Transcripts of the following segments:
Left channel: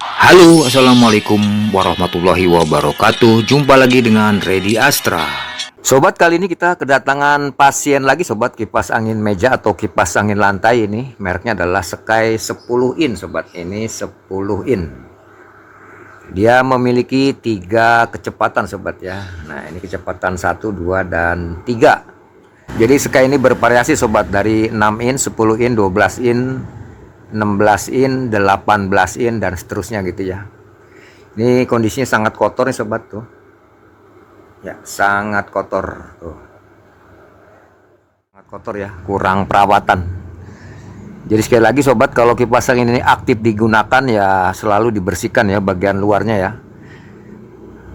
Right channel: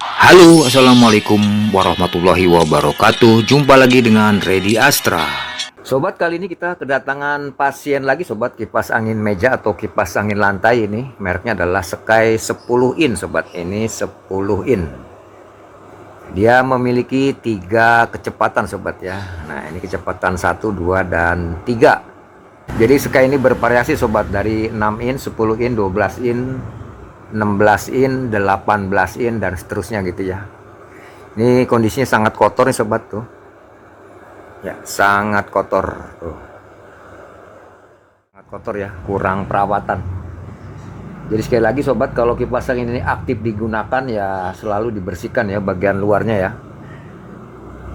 Halo, assalamualaikum warahmatullahi wabarakatuh. Jumpa lagi dengan Ready Astra. Sobat, kali ini kita kedatangan pasien lagi sobat, kipas angin meja atau kipas angin lantai ini. Mereknya adalah Sky 10 in sobat. Ini 10 in. Dia memiliki 3 kecepatan sobat ya. Nah, ini kecepatan 1, 2, dan 3. Jadi Sky ini bervariasi sobat, dari 6 in, 10 in, 12 in, 16 in, 18 in, dan seterusnya gitu ya. Ini kondisinya sangat kotor nih sobat tuh. Ya, sangat kotor tuh. Sangat kotor ya, kurang perawatan. Jadi sekali lagi sobat, kalau kipas angin ini aktif digunakan ya selalu dibersihkan ya bagian luarnya ya.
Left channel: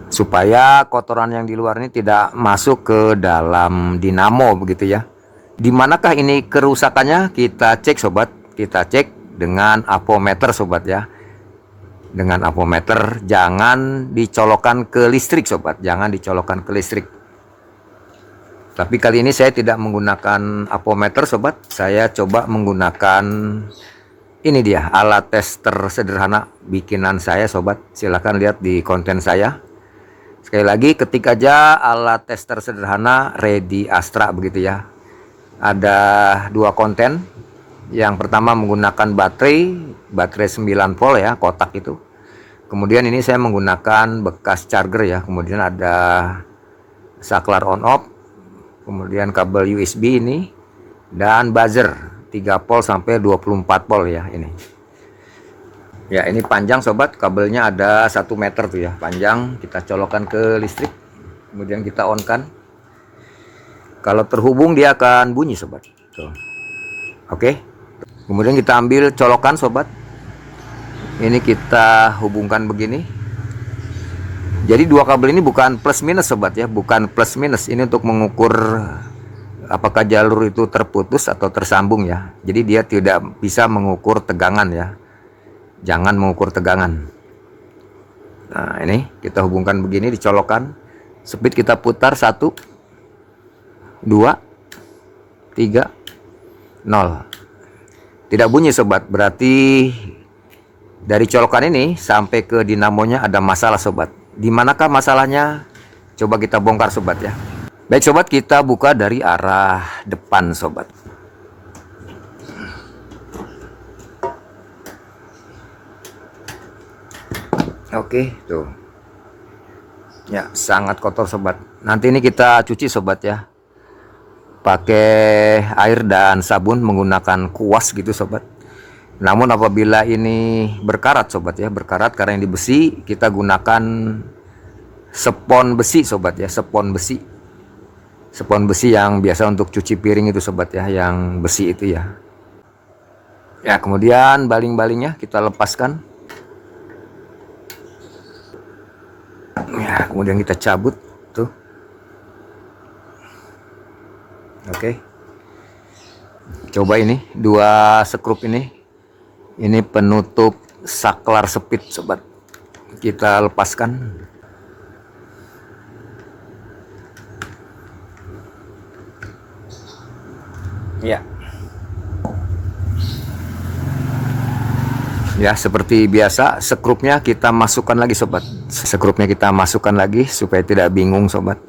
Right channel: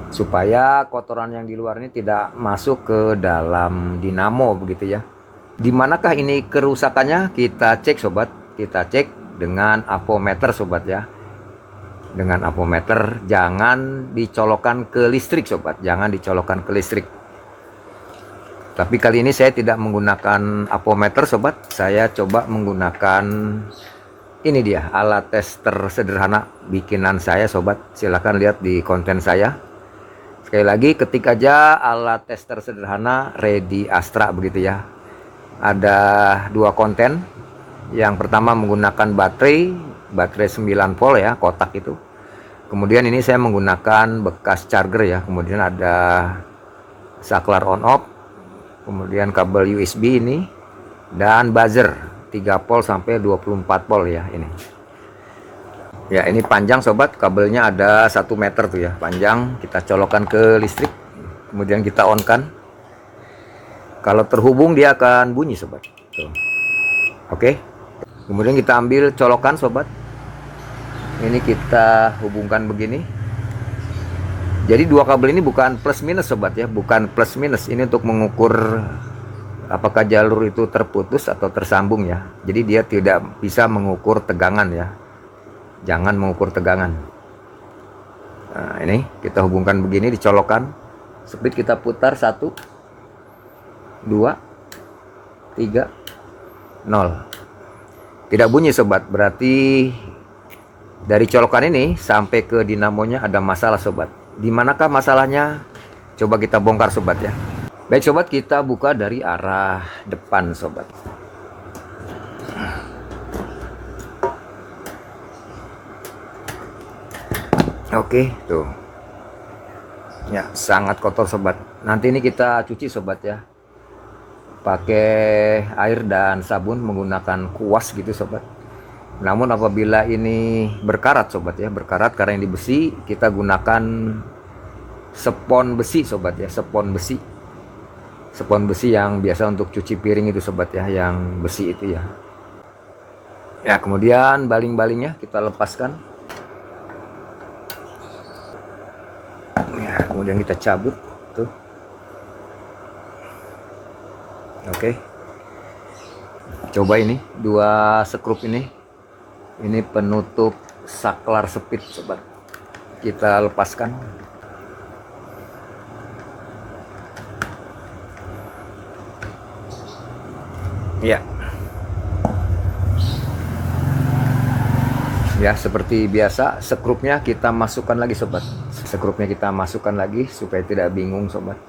Supaya kotoran yang di luar ini tidak masuk ke dalam dinamo begitu ya. Dimanakah ini kerusakannya? Kita cek sobat, kita cek dengan avometer sobat ya. Dengan avometer, jangan dicolokkan ke listrik sobat, jangan dicolokkan ke listrik. Tapi kali ini saya tidak menggunakan avometer sobat, saya coba menggunakan ini dia, alat tester sederhana bikinan saya sobat. Silahkan lihat di konten saya. Sekali lagi, ketik aja alat tester sederhana Ready Astra begitu ya. Ada 2 konten. Yang pertama menggunakan baterai 9 volt ya, kotak itu. Kemudian ini saya menggunakan bekas charger ya. Kemudian ada saklar on off. Kemudian kabel USB ini. Dan buzzer 3 volt sampai 24 volt ya ini. Ya, ini panjang sobat, kabelnya ada 1 meter tuh ya, panjang. Kita colokkan ke listrik. Kemudian kita on kan. Kalau terhubung dia akan bunyi sobat. Tuh. Oke. Kemudian kita ambil colokan sobat. Ini kita hubungkan begini. Jadi 2 kabel ini bukan plus minus sobat ya, bukan plus minus. Ini untuk mengukur apakah jalur itu terputus atau tersambung ya. Jadi dia tidak bisa mengukur tegangan ya. Jangan mengukur tegangan. Nah, ini kita hubungkan begini, dicolokkan. Speed kita putar 1, 2, 3, 0. Tidak bunyi sobat, berarti dari colokan ini sampai ke dinamonya ada masalah sobat. Di manakah masalahnya? Coba kita bongkar sobat ya. Baik sobat, kita buka dari arah depan sobat. Oke, tuh. Ya, sangat kotor sobat. Nanti ini kita cuci sobat ya. Pakai air dan sabun menggunakan kuas gitu sobat. Namun apabila ini berkarat sobat ya, berkarat karena ini besi, kita gunakan spons besi sobat ya, spons besi. Spons besi yang biasa untuk cuci piring itu sobat ya, yang besi itu ya. Ya, kemudian baling-balingnya kita lepaskan. Ya, kemudian kita cabut tuh. Oke. Coba ini 2 skrup ini. Ini penutup saklar speed sobat. Kita lepaskan. Ya. Ya, seperti biasa skrupnya kita masukkan lagi sobat. Skrupnya kita masukkan lagi supaya tidak bingung sobat.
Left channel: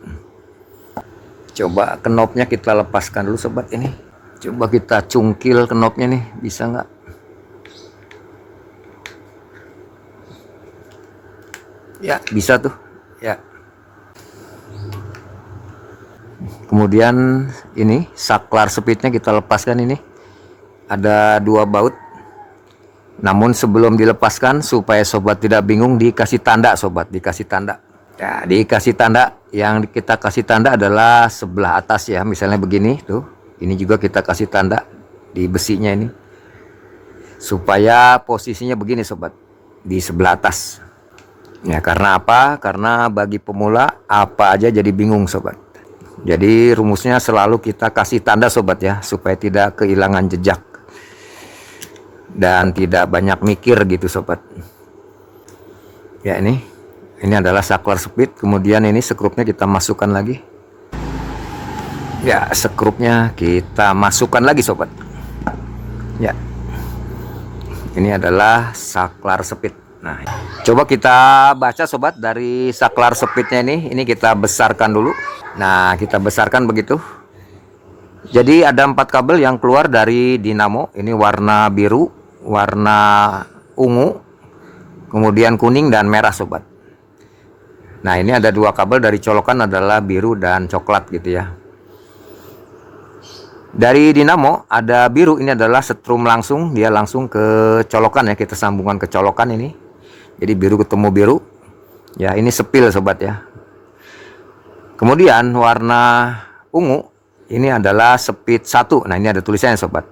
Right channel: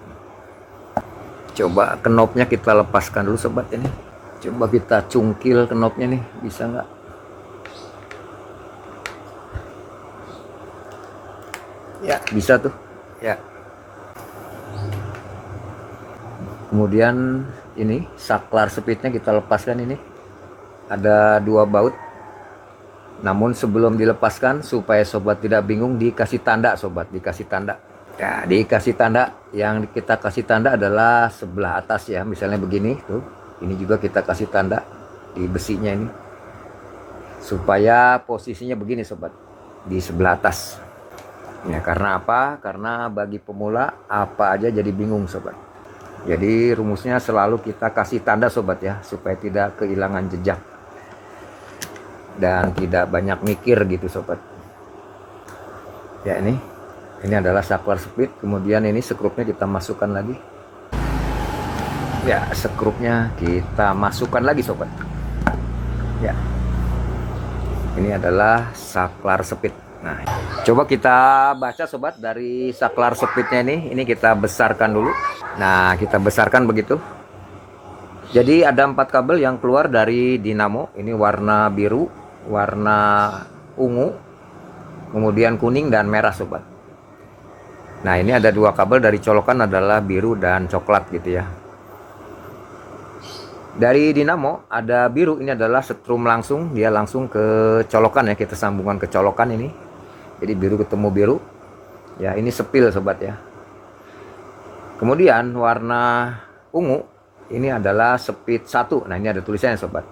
Coba knopnya kita lepaskan dulu sobat ini. Coba kita cungkil knopnya nih, bisa nggak? Ya, bisa tuh. Ya. Kemudian ini saklar speednya kita lepaskan ini. Ada 2 baut. Namun sebelum dilepaskan supaya sobat tidak bingung, dikasih tanda sobat, dikasih tanda. Ya, dikasih tanda. Yang kita kasih tanda adalah sebelah atas ya. Misalnya begini tuh. Ini juga kita kasih tanda di besinya ini. Supaya posisinya begini sobat, di sebelah atas. Ya, karena apa? Karena bagi pemula apa aja jadi bingung sobat. Jadi rumusnya selalu kita kasih tanda sobat ya, supaya tidak kehilangan jejak dan tidak banyak mikir gitu sobat. Ya, ini adalah saklar speed. Kemudian ini skrupnya kita masukkan lagi. Ya, skrupnya kita masukkan lagi sobat. Ya. Ini adalah saklar speed. Nah, coba kita baca sobat dari saklar speednya ini. Ini kita besarkan dulu. Nah, kita besarkan begitu. Jadi ada 4 kabel yang keluar dari dinamo. Ini warna biru, warna ungu, kemudian kuning dan merah sobat. Nah, ini ada 2 kabel dari colokan adalah biru dan coklat gitu ya. Dari dinamo ada biru, ini adalah setrum langsung, dia langsung ke colokan ya, kita sambungkan ke colokan ini. Jadi biru ketemu biru. Ya, ini sepil sobat ya. Kemudian warna ungu ini adalah speed 1. Nah, ini ada tulisannya sobat.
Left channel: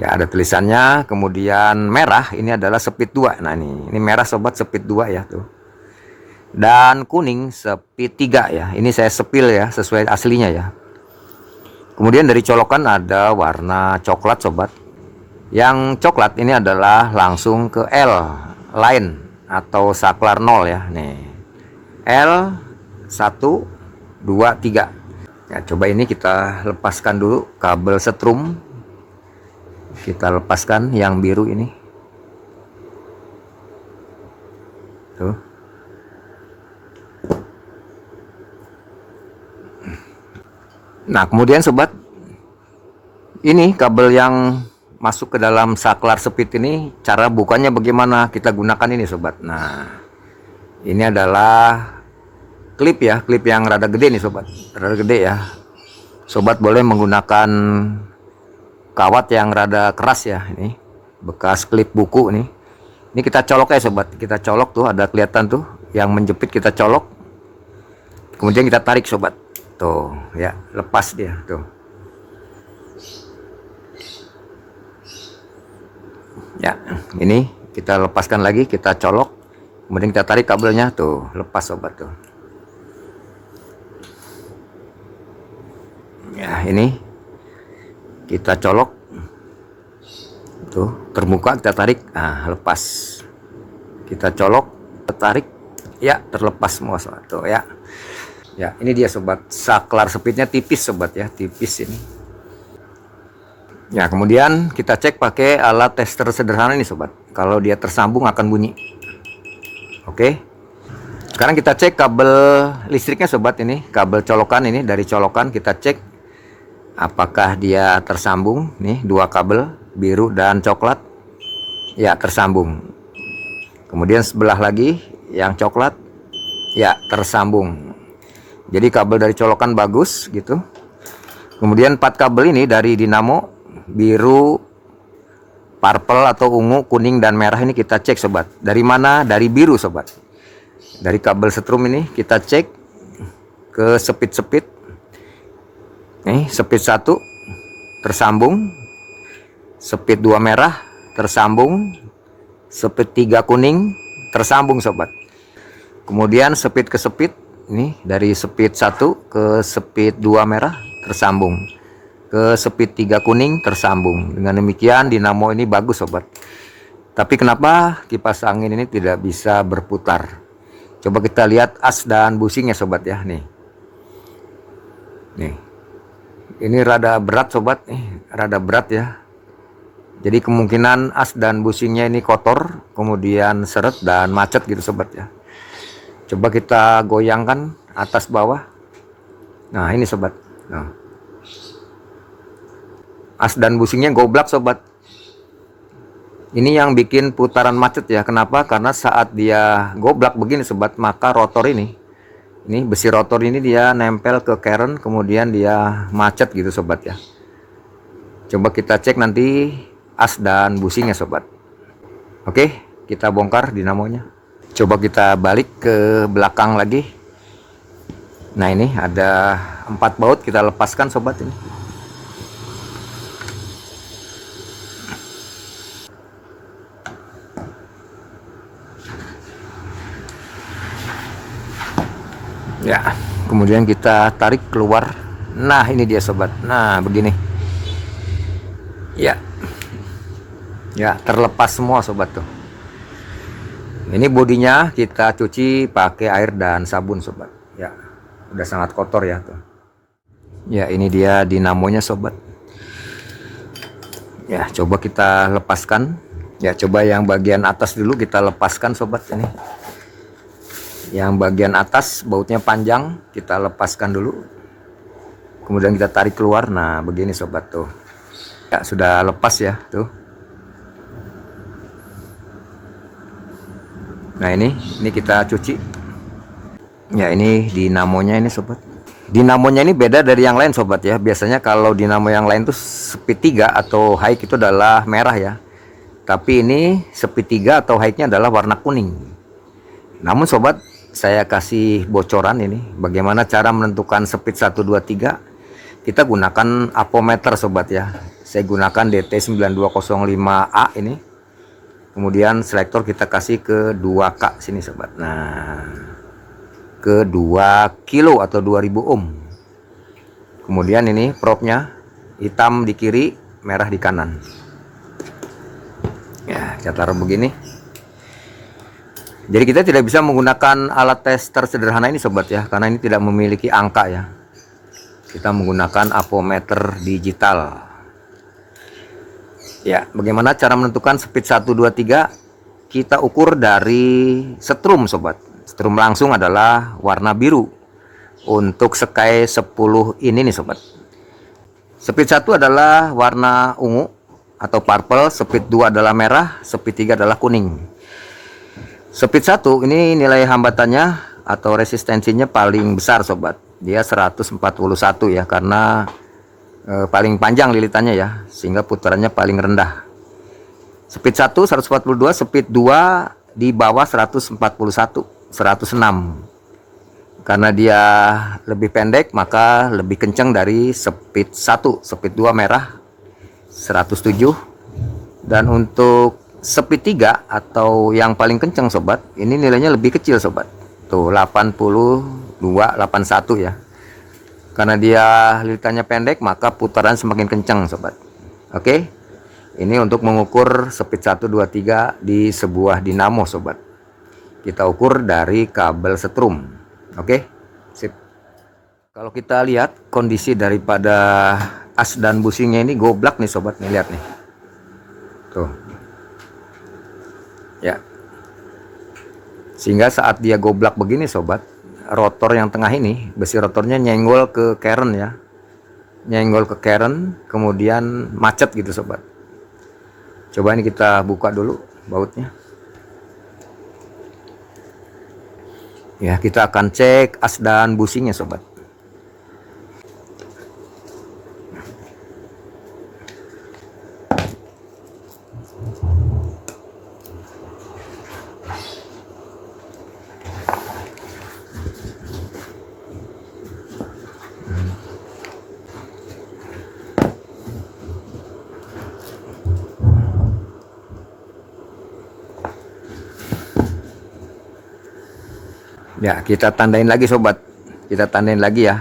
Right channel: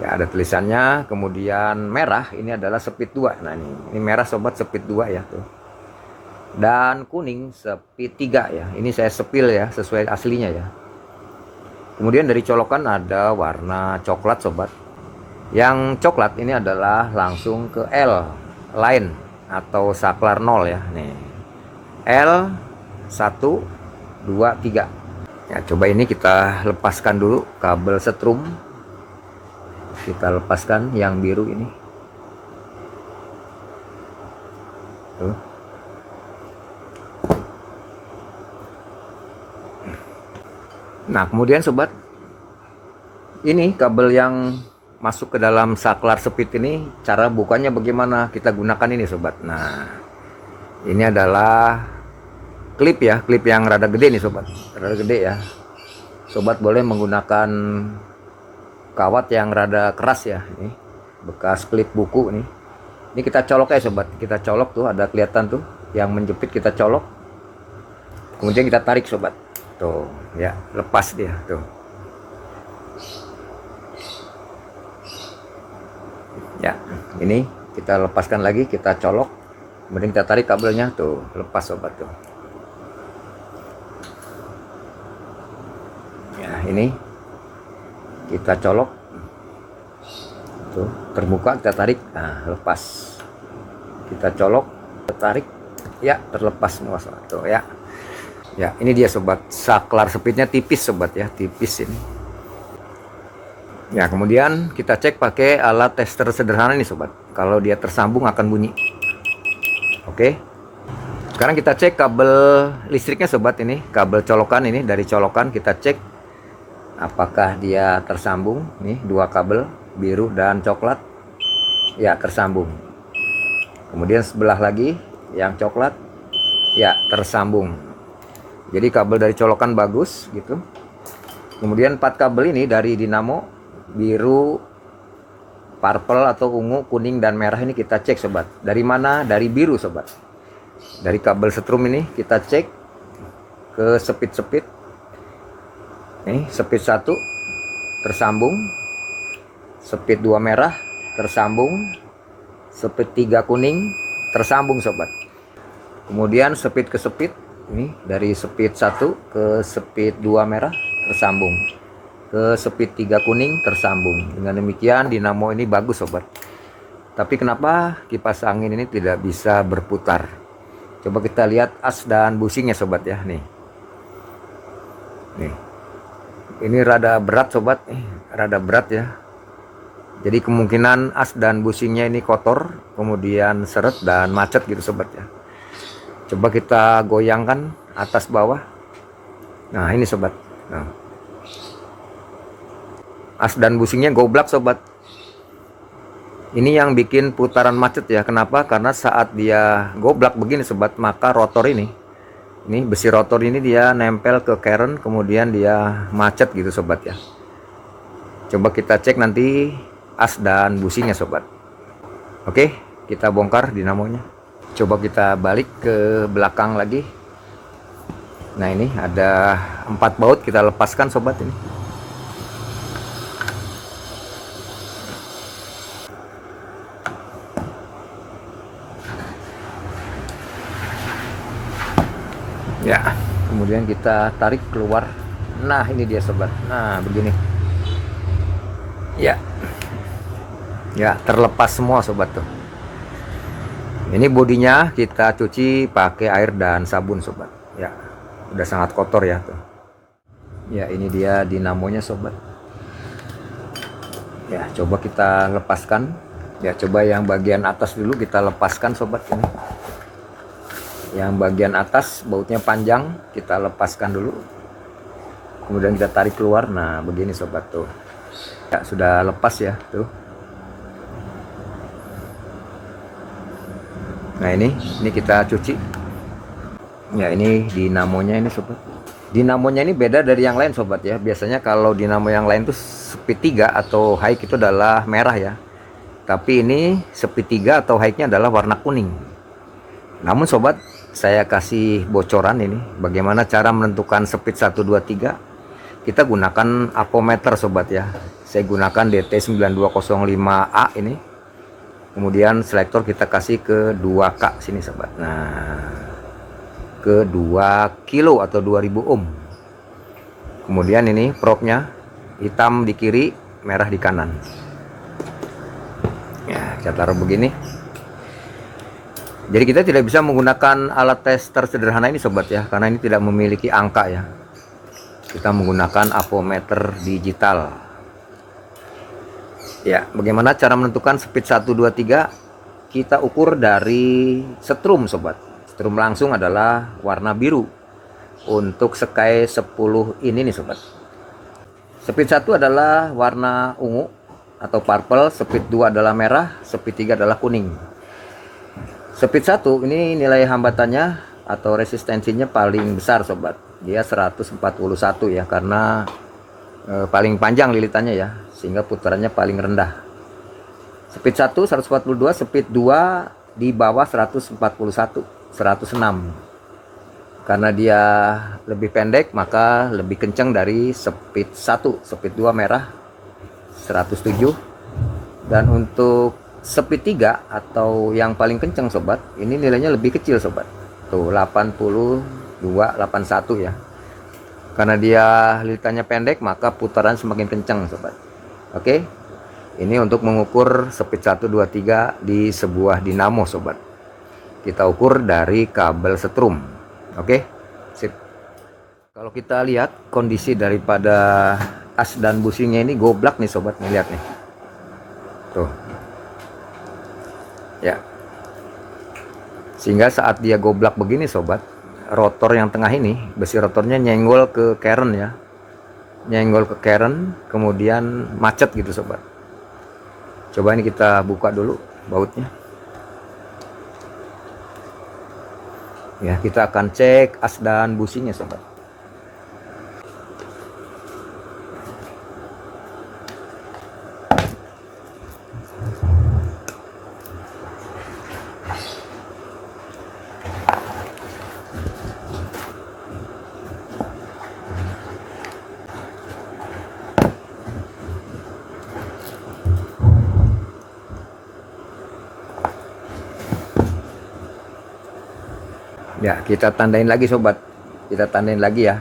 Ya, ada tulisannya. Kemudian merah ini adalah speed 2. Nah, ini merah sobat, speed 2 ya tuh. Dan kuning speed 3 ya. Ini saya sepil ya, sesuai aslinya ya. Kemudian dari colokan ada warna coklat sobat. Yang coklat ini adalah langsung ke L line atau saklar 0 ya. Nih. L 1 2 3. Ya, coba ini kita lepaskan dulu kabel setrum. Kita lepaskan yang biru ini. Tuh. Nah, kemudian sobat, ini kabel yang masuk ke dalam saklar speed ini, cara bukanya bagaimana? Kita gunakan ini sobat. Nah, ini adalah klip ya, klip yang rada gede nih sobat, rada gede ya. Sobat boleh menggunakan kawat yang rada keras ya, ini bekas klip buku nih. Ini kita colok ya sobat, kita colok tuh, ada kelihatan tuh yang menjepit, kita colok. Kemudian kita tarik sobat. Tuh ya, lepas dia tuh. Ya, ini kita lepaskan lagi, kita colok, kemudian kita tarik kabelnya tuh, lepas sobat tuh. Ya, ini kita colok tuh, terbuka, kita tarik, nah lepas. Kita colok, kita tarik, ya terlepas semua sobat tuh ya. Ya, ini dia sobat, saklar speednya tipis sobat ya, tipis ini. Ya, kemudian kita cek pakai alat tester sederhana ini sobat. Kalau dia tersambung akan bunyi. Oke. Sekarang kita cek kabel listriknya sobat, ini kabel colokan, ini dari colokan kita cek apakah dia tersambung. Nih 2 kabel biru dan coklat. Ya, tersambung. Kemudian sebelah lagi yang coklat, ya tersambung. Jadi kabel dari colokan bagus gitu. Kemudian 4 kabel ini dari dinamo biru, purple atau ungu, kuning dan merah ini kita cek sobat. Dari mana? Dari biru sobat. Dari kabel setrum ini kita cek ke speed. Nih, speed 1 tersambung. Speed 2 merah tersambung. Speed 3 kuning tersambung sobat. Kemudian speed ke speed, ini dari speed 1 ke speed 2 merah tersambung, ke speed 3 kuning tersambung. Dengan demikian dinamo ini bagus sobat. Tapi kenapa kipas angin ini tidak bisa berputar? Coba kita lihat as dan busingnya sobat ya. Nih, ini rada berat sobat, rada berat ya. Jadi kemungkinan as dan busingnya ini kotor, kemudian seret dan macet gitu sobat ya. Coba kita goyangkan atas bawah. Nah, ini sobat. Nah, as dan busingnya goblak sobat. Ini yang bikin putaran macet ya. Kenapa? Karena saat dia goblak begini sobat, maka rotor ini besi rotor ini dia nempel ke keren, kemudian dia macet gitu sobat ya. Coba kita cek nanti as dan busingnya sobat. Oke, kita bongkar dinamonya. Coba kita balik ke belakang lagi. Nah, ini ada 4 baut, kita lepaskan sobat ini. Ya, kemudian kita tarik keluar. Nah, ini dia sobat. Nah, begini. Ya. Ya, terlepas semua sobat tuh. Ini bodinya kita cuci pakai air dan sabun sobat. Ya, udah sangat kotor ya tuh. Ya, ini dia dinamonya sobat. Ya, coba kita lepaskan. Ya, coba yang bagian atas dulu kita lepaskan sobat ini. Yang bagian atas bautnya panjang, kita lepaskan dulu. Kemudian kita tarik keluar. Nah, begini sobat tuh. Ya, sudah lepas ya, tuh. Nah, ini kita cuci. Ya, ini dinamonya ini sobat. Dinamonya ini beda dari yang lain sobat ya. Biasanya kalau dinamo yang lain tuh speed 3 atau high itu adalah merah ya. Tapi ini speed 3 atau high-nya adalah warna kuning. Namun sobat, saya kasih bocoran ini bagaimana cara menentukan speed 1 2 3. Kita gunakan apometer sobat ya. Saya gunakan DT9205A ini. Kemudian selektor kita kasih ke 2K sini sobat. Nah, ke 2 kilo atau 2000 ohm. Kemudian ini probnya hitam di kiri, merah di kanan. Ya, kita taruh begini. Jadi kita tidak bisa menggunakan alat tes tersederhana ini sobat ya, karena ini tidak memiliki angka ya. Kita menggunakan apometer digital. Ya, bagaimana cara menentukan speed 1 2 3? Kita ukur dari setrum sobat. Setrum langsung adalah warna biru. Untuk Sky 10 ini nih sobat. Speed 1 adalah warna ungu atau purple, speed 2 adalah merah, speed 3 adalah kuning. Speed 1 ini nilai hambatannya atau resistensinya paling besar sobat. Dia 141 ya, karena paling panjang lilitannya ya, sehingga putarannya paling rendah. Speed 1 142, speed 2 di bawah 141, 106. Karena dia lebih pendek maka lebih kencang dari speed 1. Speed 2 merah 107. Dan untuk speed 3 atau yang paling kencang sobat, ini nilainya lebih kecil sobat. Tuh 82, 81 ya. Karena dia lilitannya pendek maka putaran semakin kencang sobat. Oke. Ini untuk mengukur speed 1 2 3 di sebuah dinamo sobat. Kita ukur dari kabel setrum. Oke, sip. Kalau kita lihat kondisi daripada as dan businya ini goblak nih sobat, nih lihat nih. Tuh. Ya. Sehingga saat dia goblak begini sobat, rotor yang tengah ini, besi rotornya nyenggol ke keren ya. Nyenggol ke keren, kemudian macet gitu sobat. Coba ini kita buka dulu bautnya. Ya, kita akan cek as dan businya sobat. Ya, kita tandain lagi sobat. Kita tandain lagi ya,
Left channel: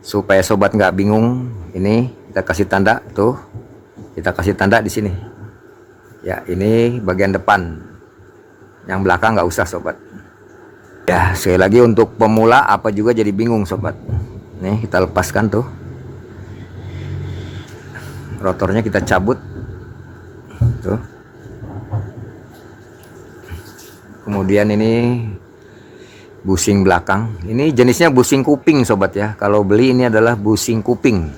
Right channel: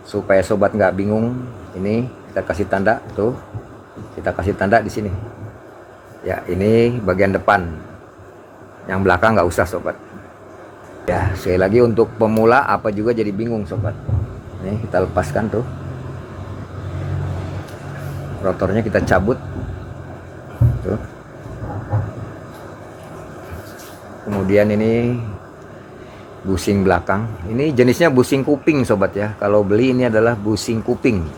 supaya sobat nggak bingung. Ini kita kasih tanda tuh. Kita kasih tanda di sini. Ya, ini bagian depan. Yang belakang nggak usah sobat. Ya, sekali lagi untuk pemula apa juga jadi bingung sobat. Nih kita lepaskan tuh. Rotornya kita cabut. Tuh. Kemudian ini busing belakang. Ini jenisnya busing kuping sobat ya. Kalau beli ini adalah busing kuping.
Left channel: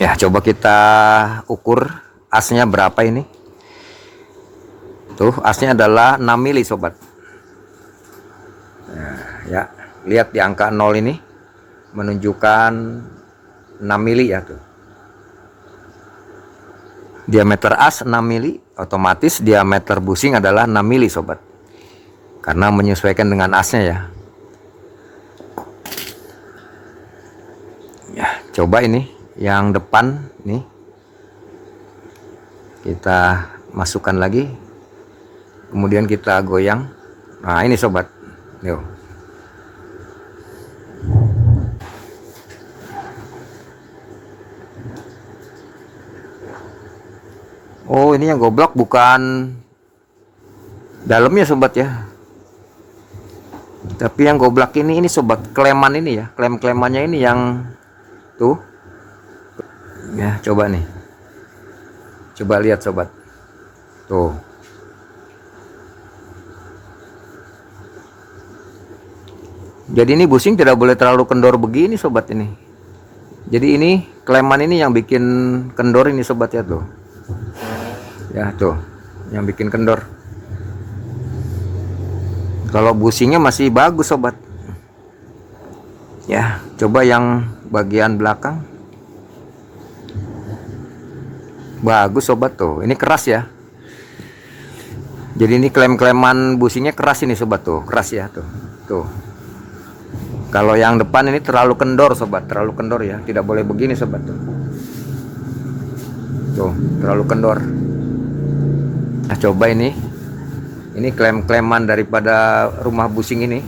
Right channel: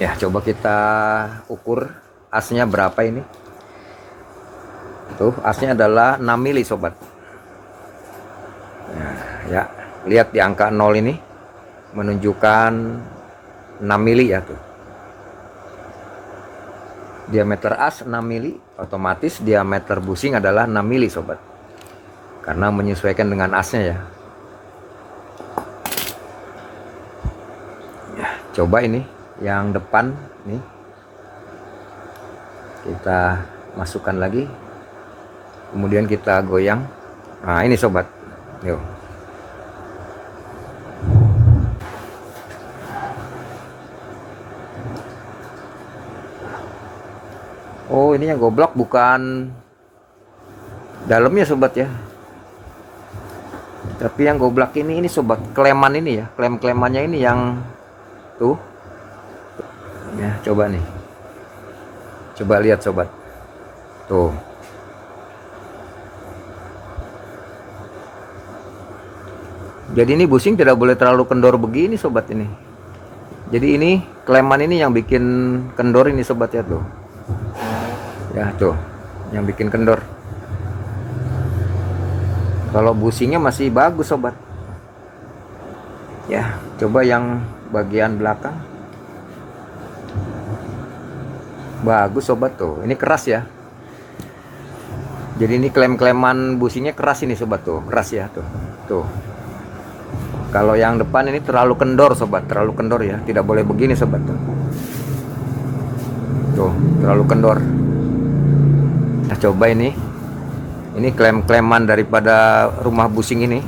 Ya, coba kita ukur asnya berapa ini. Tuh, asnya adalah 6 mili sobat. Nah, ya, lihat di angka 0 ini menunjukkan 6 mili ya tuh. Diameter as 6 mili, otomatis diameter busing adalah 6 mili sobat. Karena menyesuaikan dengan asnya ya. Ya, coba ini yang depan nih. Kita masukkan lagi. Kemudian kita goyang. Nah, ini sobat. Yuk. Oh, ini yang goblok bukan dalamnya sobat ya. Tapi yang goblok ini sobat kleman ini ya, klem-klemannya ini yang tuh. Ya, coba nih. Coba lihat sobat. Tuh. Jadi ini busing tidak boleh terlalu kendor begini sobat ini. Jadi ini kleman ini yang bikin kendor ini sobat ya tuh. Ya tuh, yang bikin kendor. Kalau busingnya masih bagus sobat. Ya, coba yang bagian belakang. Bagus sobat tuh. Ini keras ya. Jadi ini klem-kleman busingnya keras ini sobat tuh, keras ya tuh. Tuh. Kalau yang depan ini terlalu kendor sobat, terlalu kendor ya. Tidak boleh begini sobat tuh. Tuh, terlalu kendor. Nah, coba ini. Ini klem-kleman daripada rumah busing ini.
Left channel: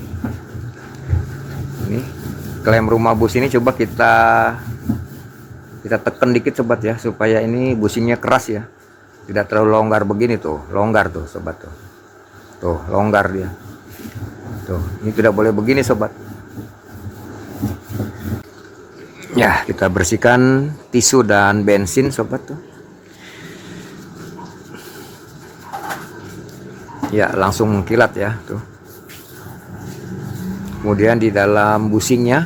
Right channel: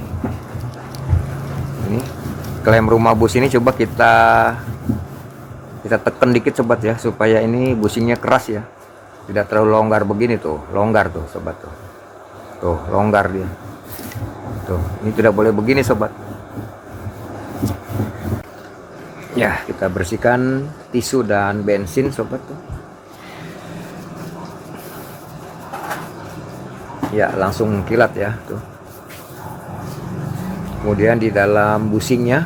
Ini klem rumah busing ini coba kita tekan dikit sobat ya, supaya ini busingnya keras ya. Tidak terlalu longgar begini tuh, longgar tuh sobat tuh. Tuh, longgar dia. Tuh, ini tidak boleh begini sobat. Ya, kita bersihkan tisu dan bensin sobat tuh. Ya, langsung kilat ya tuh. Kemudian di dalam busingnya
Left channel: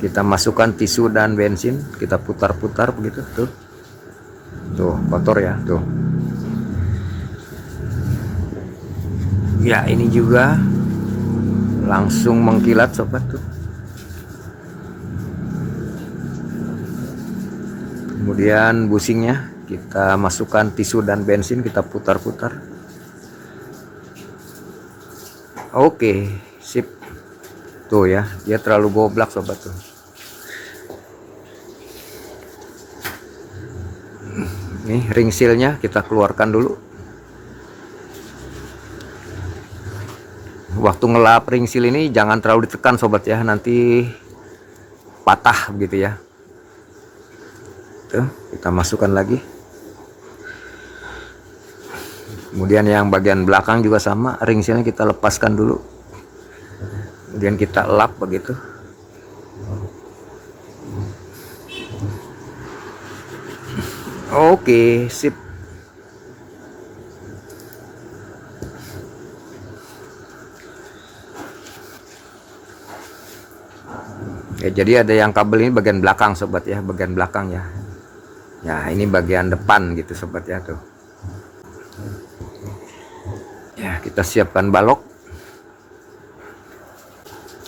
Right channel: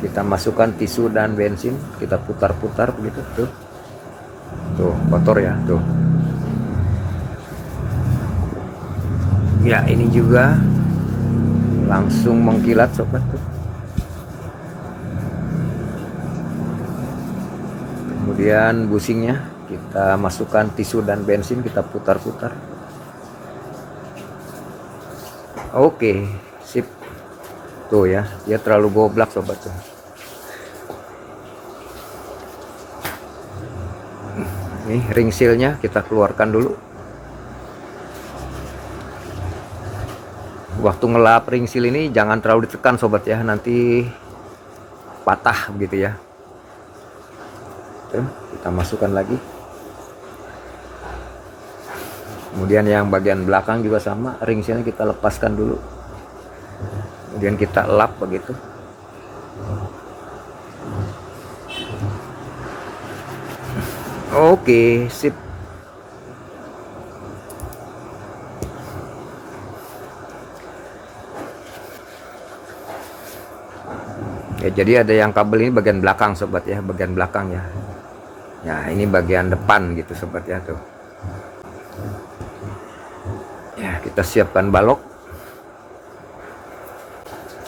kita masukkan tisu dan bensin, kita putar-putar begitu tuh. Tuh, kotor ya tuh. Ya, ini juga langsung mengkilat sobat tuh. Kemudian busingnya kita masukkan tisu dan bensin, kita putar-putar. Oke, sip. Tuh ya, dia terlalu goblak sobat tuh. Ini ring sealnya kita keluarkan dulu. Waktu ngelap ring seal ini jangan terlalu ditekan sobat ya, nanti patah begitu ya. Tuh, kita masukkan lagi. Kemudian yang bagian belakang juga sama, ring sealnya kita lepaskan dulu. Kemudian kita lap begitu. Oke, sip. Ya, jadi ada yang kabel ini bagian belakang sobat ya, bagian belakang ya. Ya, ini bagian depan gitu sobat ya tuh. Ya, kita siapkan balok.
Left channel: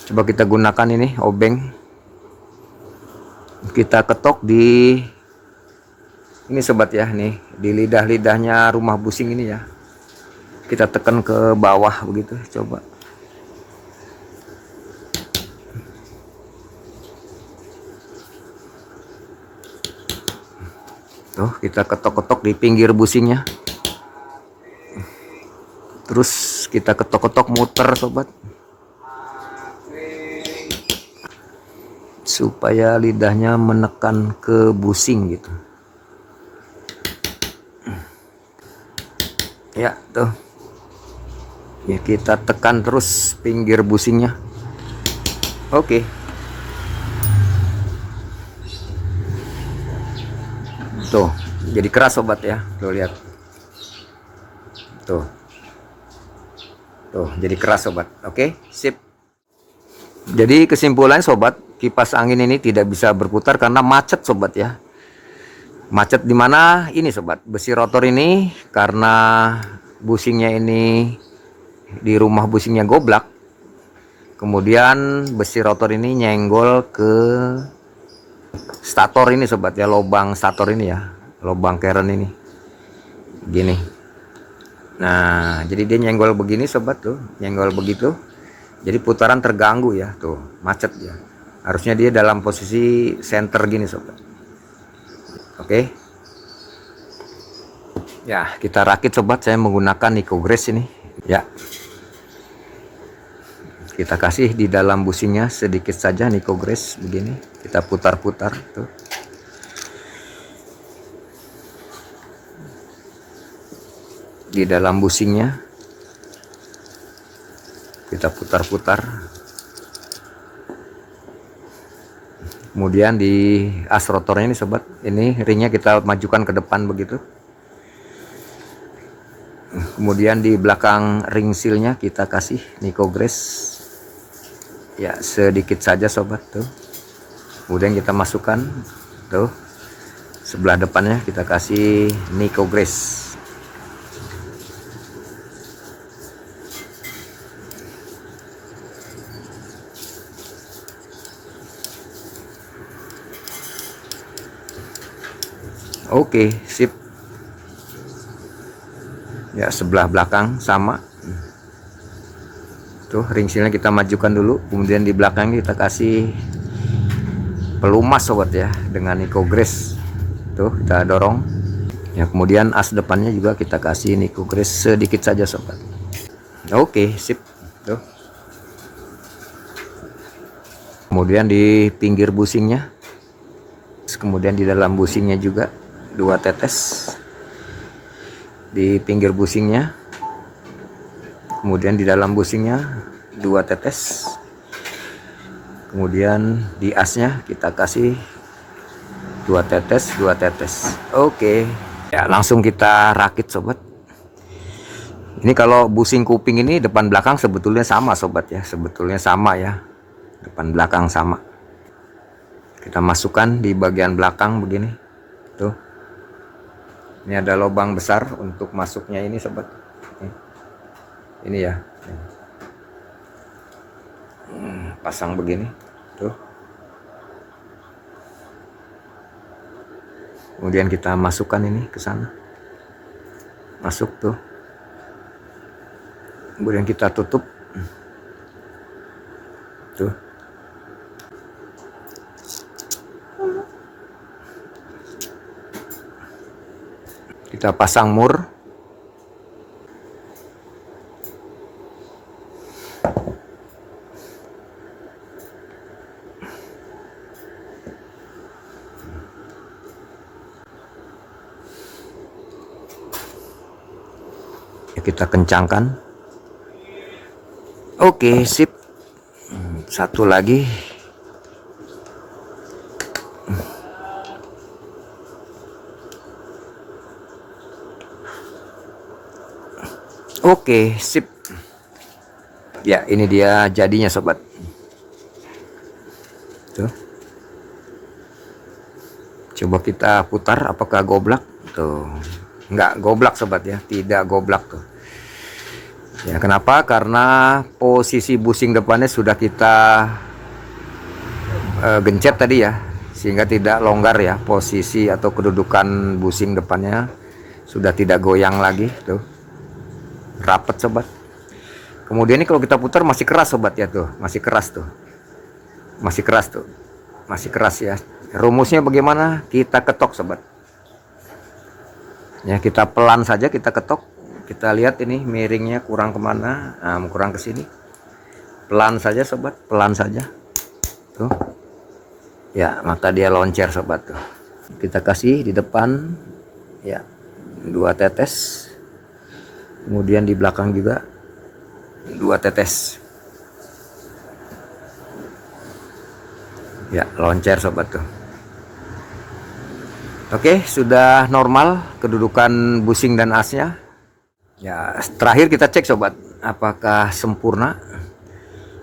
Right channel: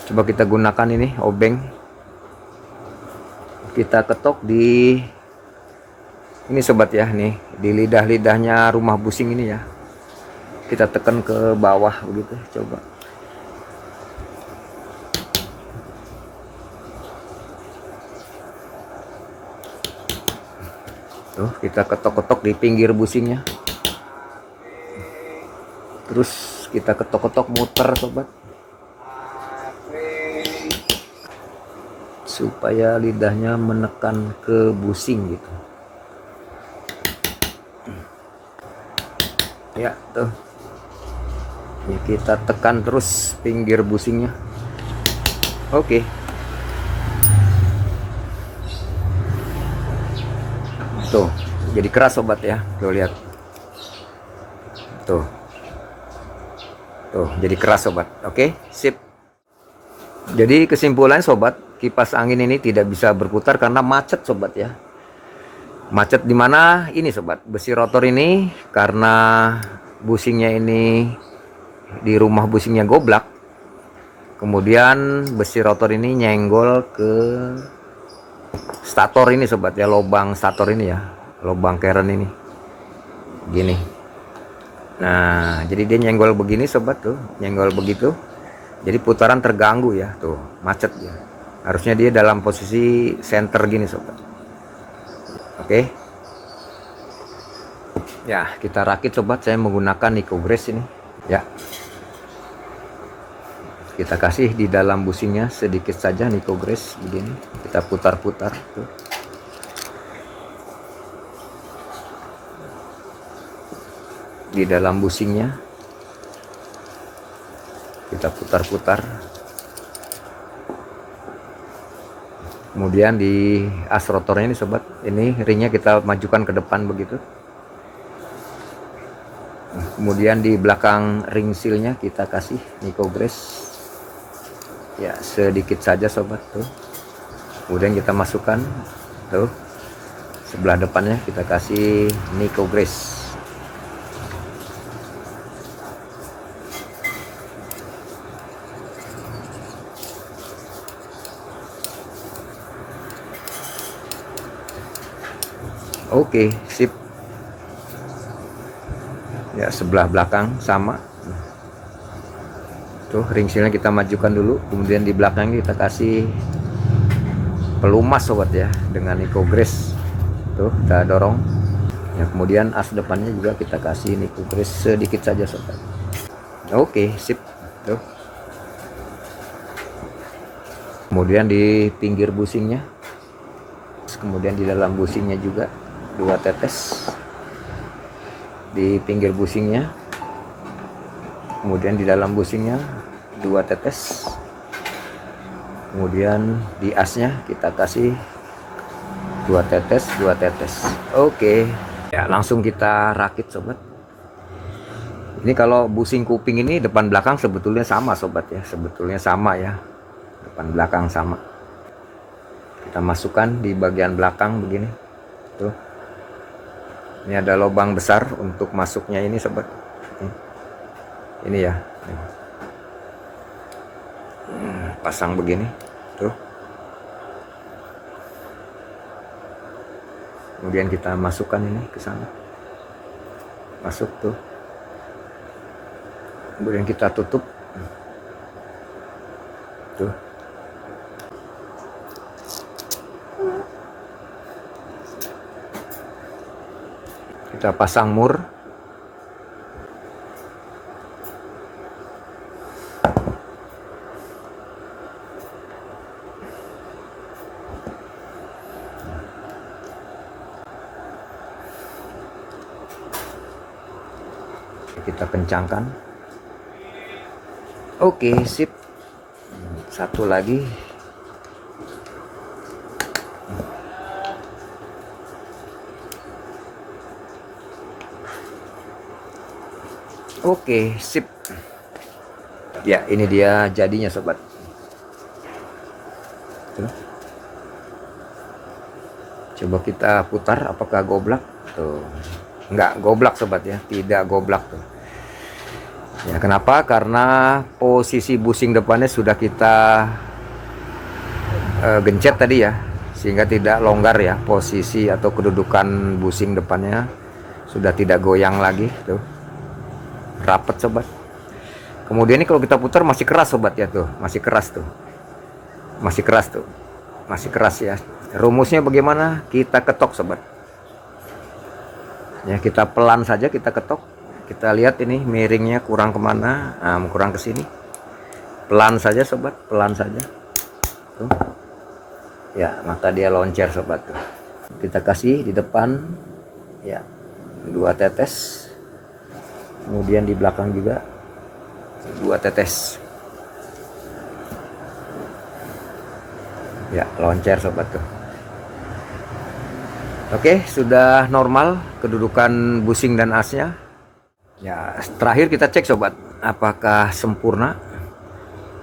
Coba kita gunakan ini obeng. Kita ketok di ini sobat ya, nih di lidah-lidahnya rumah busing ini ya. Kita tekan ke bawah begitu, coba. Tuh, kita ketok-ketok di pinggir busingnya. Terus kita ketok-ketok muter sobat. Supaya lidahnya menekan ke busing gitu. Ya, tuh. Ya, kita tekan terus pinggir busingnya. Oke. Tuh, jadi keras sobat ya. Tuh lihat. Tuh. Tuh, jadi keras sobat. Oke, sip. Jadi kesimpulan sobat, kipas angin ini tidak bisa berputar karena macet sobat ya. Macet di mana? Ini sobat, besi rotor ini karena busingnya ini di rumah busingnya goblak. Kemudian besi rotor ini nyenggol ke stator ini sobat ya, lubang stator ini ya, lubang keren ini. Gini. Nah, jadi dia nyenggol begini sobat tuh, nyenggol begitu. Jadi putaran terganggu ya, tuh, macet ya. Harusnya dia dalam posisi center gini sobat. Oke. Ya, kita rakit sobat, saya menggunakan Nicogress ini. Ya. Kita kasih di dalam busingnya sedikit saja Nicogress begini. Kita putar-putar tuh. Di dalam busingnya kita putar-putar. Kemudian di as rotornya ini sobat, ini ringnya kita majukan ke depan begitu. Kemudian di belakang ring sealnya kita kasih Nicogress ya, sedikit saja sobat tuh. Kemudian kita masukkan tuh sebelah depannya, kita kasih Nicogress. Oke, sip. Ya, sebelah belakang sama. Tuh, ring sealnya kita majukan dulu, kemudian di belakang kita kasih pelumas sobat ya, dengan Nicogress. Tuh, kita dorong. Ya, kemudian as depannya juga kita kasih Nicogress sedikit saja sobat. Oke, sip. Tuh. Kemudian di pinggir busingnya, kemudian di dalam busingnya juga 2 tetes di pinggir busingnya, kemudian di dalam busingnya 2 tetes, kemudian di asnya kita kasih 2 tetes 2 tetes. Oke ya, langsung kita rakit sobat. Ini kalau busing kuping ini depan belakang sebetulnya sama sobat ya, sebetulnya sama ya, depan belakang sama. Kita masukkan di bagian belakang begini tuh. Ini ada lubang besar untuk masuknya ini sobat. Ini ya. Pasang begini tuh. Kemudian kita masukkan ini ke sana. Masuk tuh. Kemudian kita tutup. Tuh. Kita pasang mur. Kita kencangkan. Oke, sip. Satu lagi. Oke, sip. Ya, ini dia jadinya sobat. Tuh. Coba kita putar, apakah goblak? Tuh. Enggak goblak sobat ya, tidak goblak tuh. Ya, kenapa? Karena posisi busing depannya sudah kita gencet tadi ya, sehingga tidak longgar ya, posisi atau kedudukan busing depannya sudah tidak goyang lagi tuh. Rapet sobat. Kemudian ini kalau kita putar masih keras sobat ya, tuh masih keras tuh, masih keras tuh, masih keras ya. Rumusnya bagaimana? Kita ketok sobat ya, kita pelan saja, kita ketok. Kita lihat ini miringnya kurang kemana, kurang ke sini. Pelan saja sobat, pelan saja tuh ya, maka dia loncer sobat tuh. Kita kasih di depan ya 2 tetes, kemudian di belakang juga 2 tetes ya, loncer sobat tuh. Oke, sudah normal kedudukan busing dan asnya ya. Terakhir kita cek sobat, apakah sempurna.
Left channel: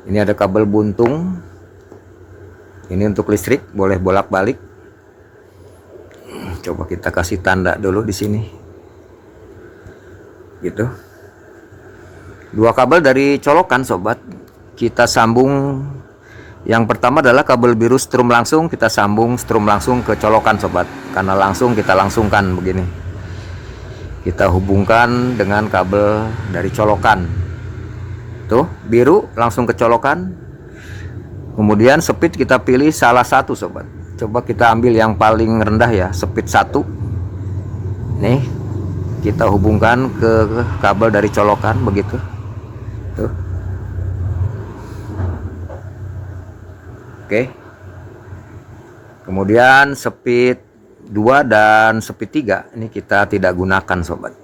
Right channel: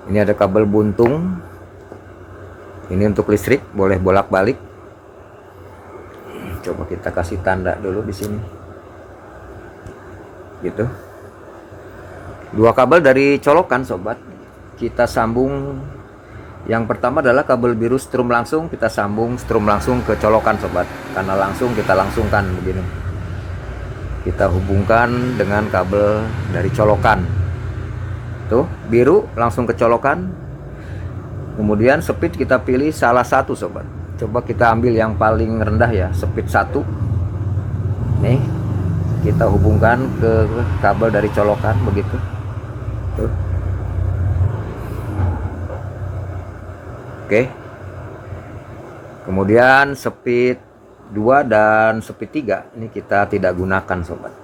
Ini ada kabel buntung, ini untuk listrik, boleh bolak-balik. Coba kita kasih tanda dulu di sini gitu. 2 kabel dari colokan sobat kita sambung. Yang pertama adalah kabel biru strum langsung, kita sambung strum langsung ke colokan sobat, karena langsung kita langsungkan begini. Kita hubungkan dengan kabel dari colokan tuh, biru langsung ke colokan. Kemudian speed kita pilih salah satu sobat. Coba kita ambil yang paling rendah ya, speed 1. Nih, kita hubungkan ke kabel dari colokan begitu tuh. Oke. Kemudian speed 2 dan speed 3 ini kita tidak gunakan sobat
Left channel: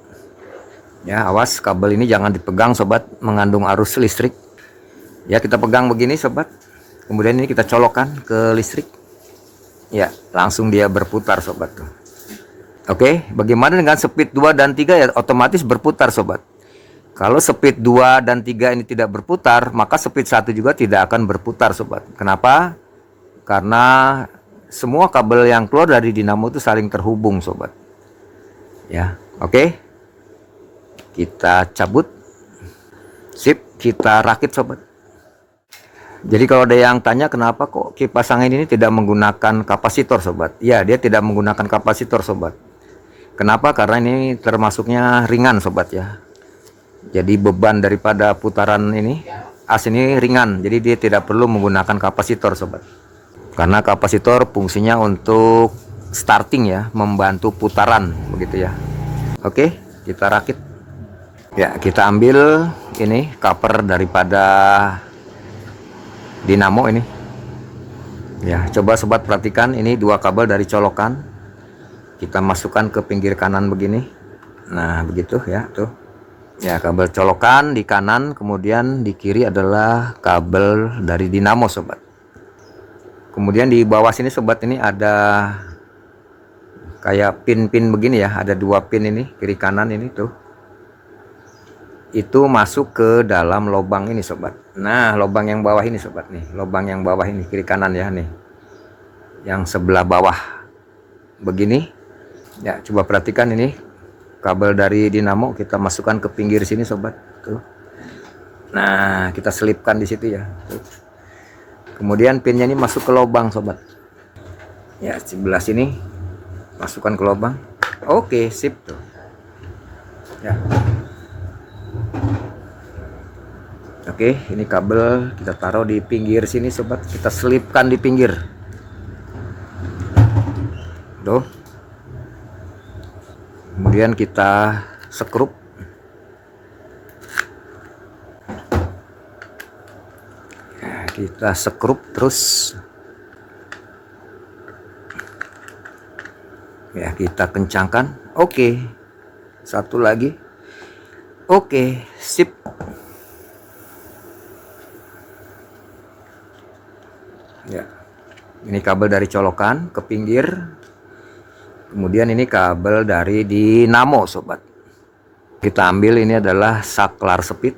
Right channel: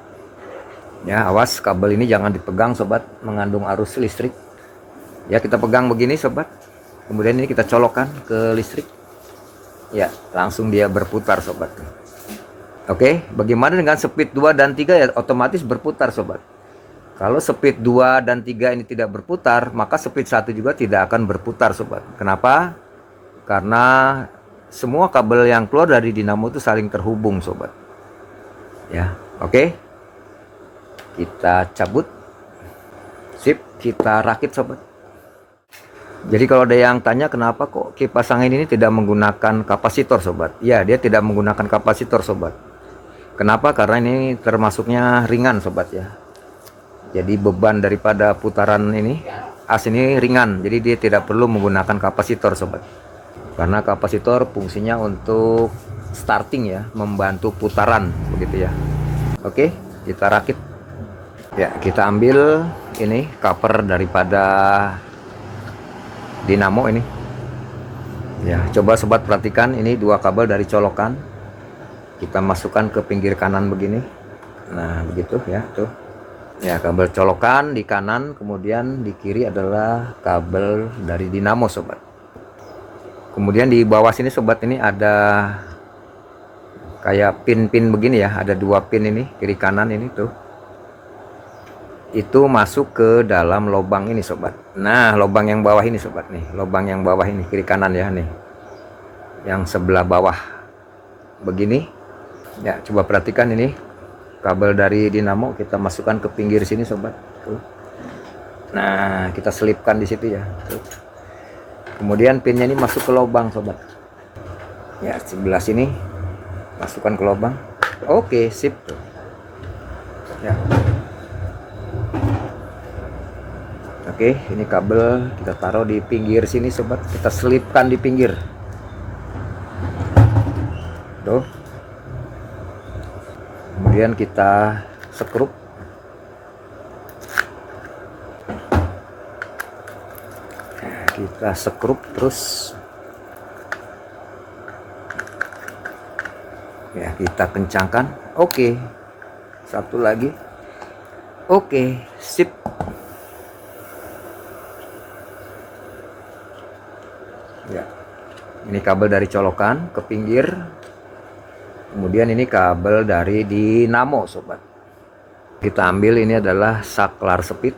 ya. Awas kabel ini jangan dipegang sobat, mengandung arus listrik ya. Kita pegang begini sobat, kemudian ini kita colokkan ke listrik Ya, langsung dia berputar sobat tuh. Oke, bagaimana dengan speed 2 dan 3 ya otomatis berputar sobat. Kalau speed 2 dan 3 ini tidak berputar, maka speed 1 juga tidak akan berputar sobat. Kenapa? Karena semua kabel yang keluar dari dinamo itu saling terhubung sobat. Ya, oke. Kita cabut. Sip, kita rakit sobat. Jadi kalau ada yang tanya kenapa kok kipas angin ini tidak menggunakan kapasitor sobat. Ya, dia tidak menggunakan kapasitor sobat. Kenapa? Karena ini termasuknya ringan sobat ya. Jadi beban daripada putaran ini as ini ringan. Jadi dia tidak perlu menggunakan kapasitor sobat. Karena kapasitor fungsinya untuk starting ya, membantu putaran begitu ya. Oke, kita rakit. Ya, kita ambil ini cover daripada dinamo ini. Ya, coba sobat perhatikan ini dua kabel dari colokan. Kita masukkan ke pinggir kanan begini. Nah, begitu ya, tuh. Ya, kabel colokan di kanan, kemudian di kiri adalah kabel dari dinamo sobat. Kemudian di bawah sini sobat ini ada kayak pin-pin begini ya, ada dua pin ini, kiri kanan ini tuh. Itu masuk ke dalam lubang ini sobat. Nah, lubang yang bawah ini sobat nih, lubang yang bawah ini kiri kanan ya nih. Yang sebelah bawah. Begini. Ya, coba perhatikan ini kabel dari dinamo kita masukkan ke pinggir sini sobat tuh. Nah, kita selipkan di situ ya tuh. Kemudian pinnya ini masuk ke lubang sobat ya, sebelah sini masukkan ke lubang. Oke, sip tuh ya. Oke, ini kabel kita taruh di pinggir sini sobat, kita selipkan di pinggir tuh. Kemudian kita skrup. Nah, kita skrup terus. Ya, kita kencangkan. Oke. Satu lagi. Oke, sip. Ya. Ini kabel dari colokan ke pinggir. Kemudian ini kabel dari dinamo sobat. Kita ambil ini adalah saklar speed.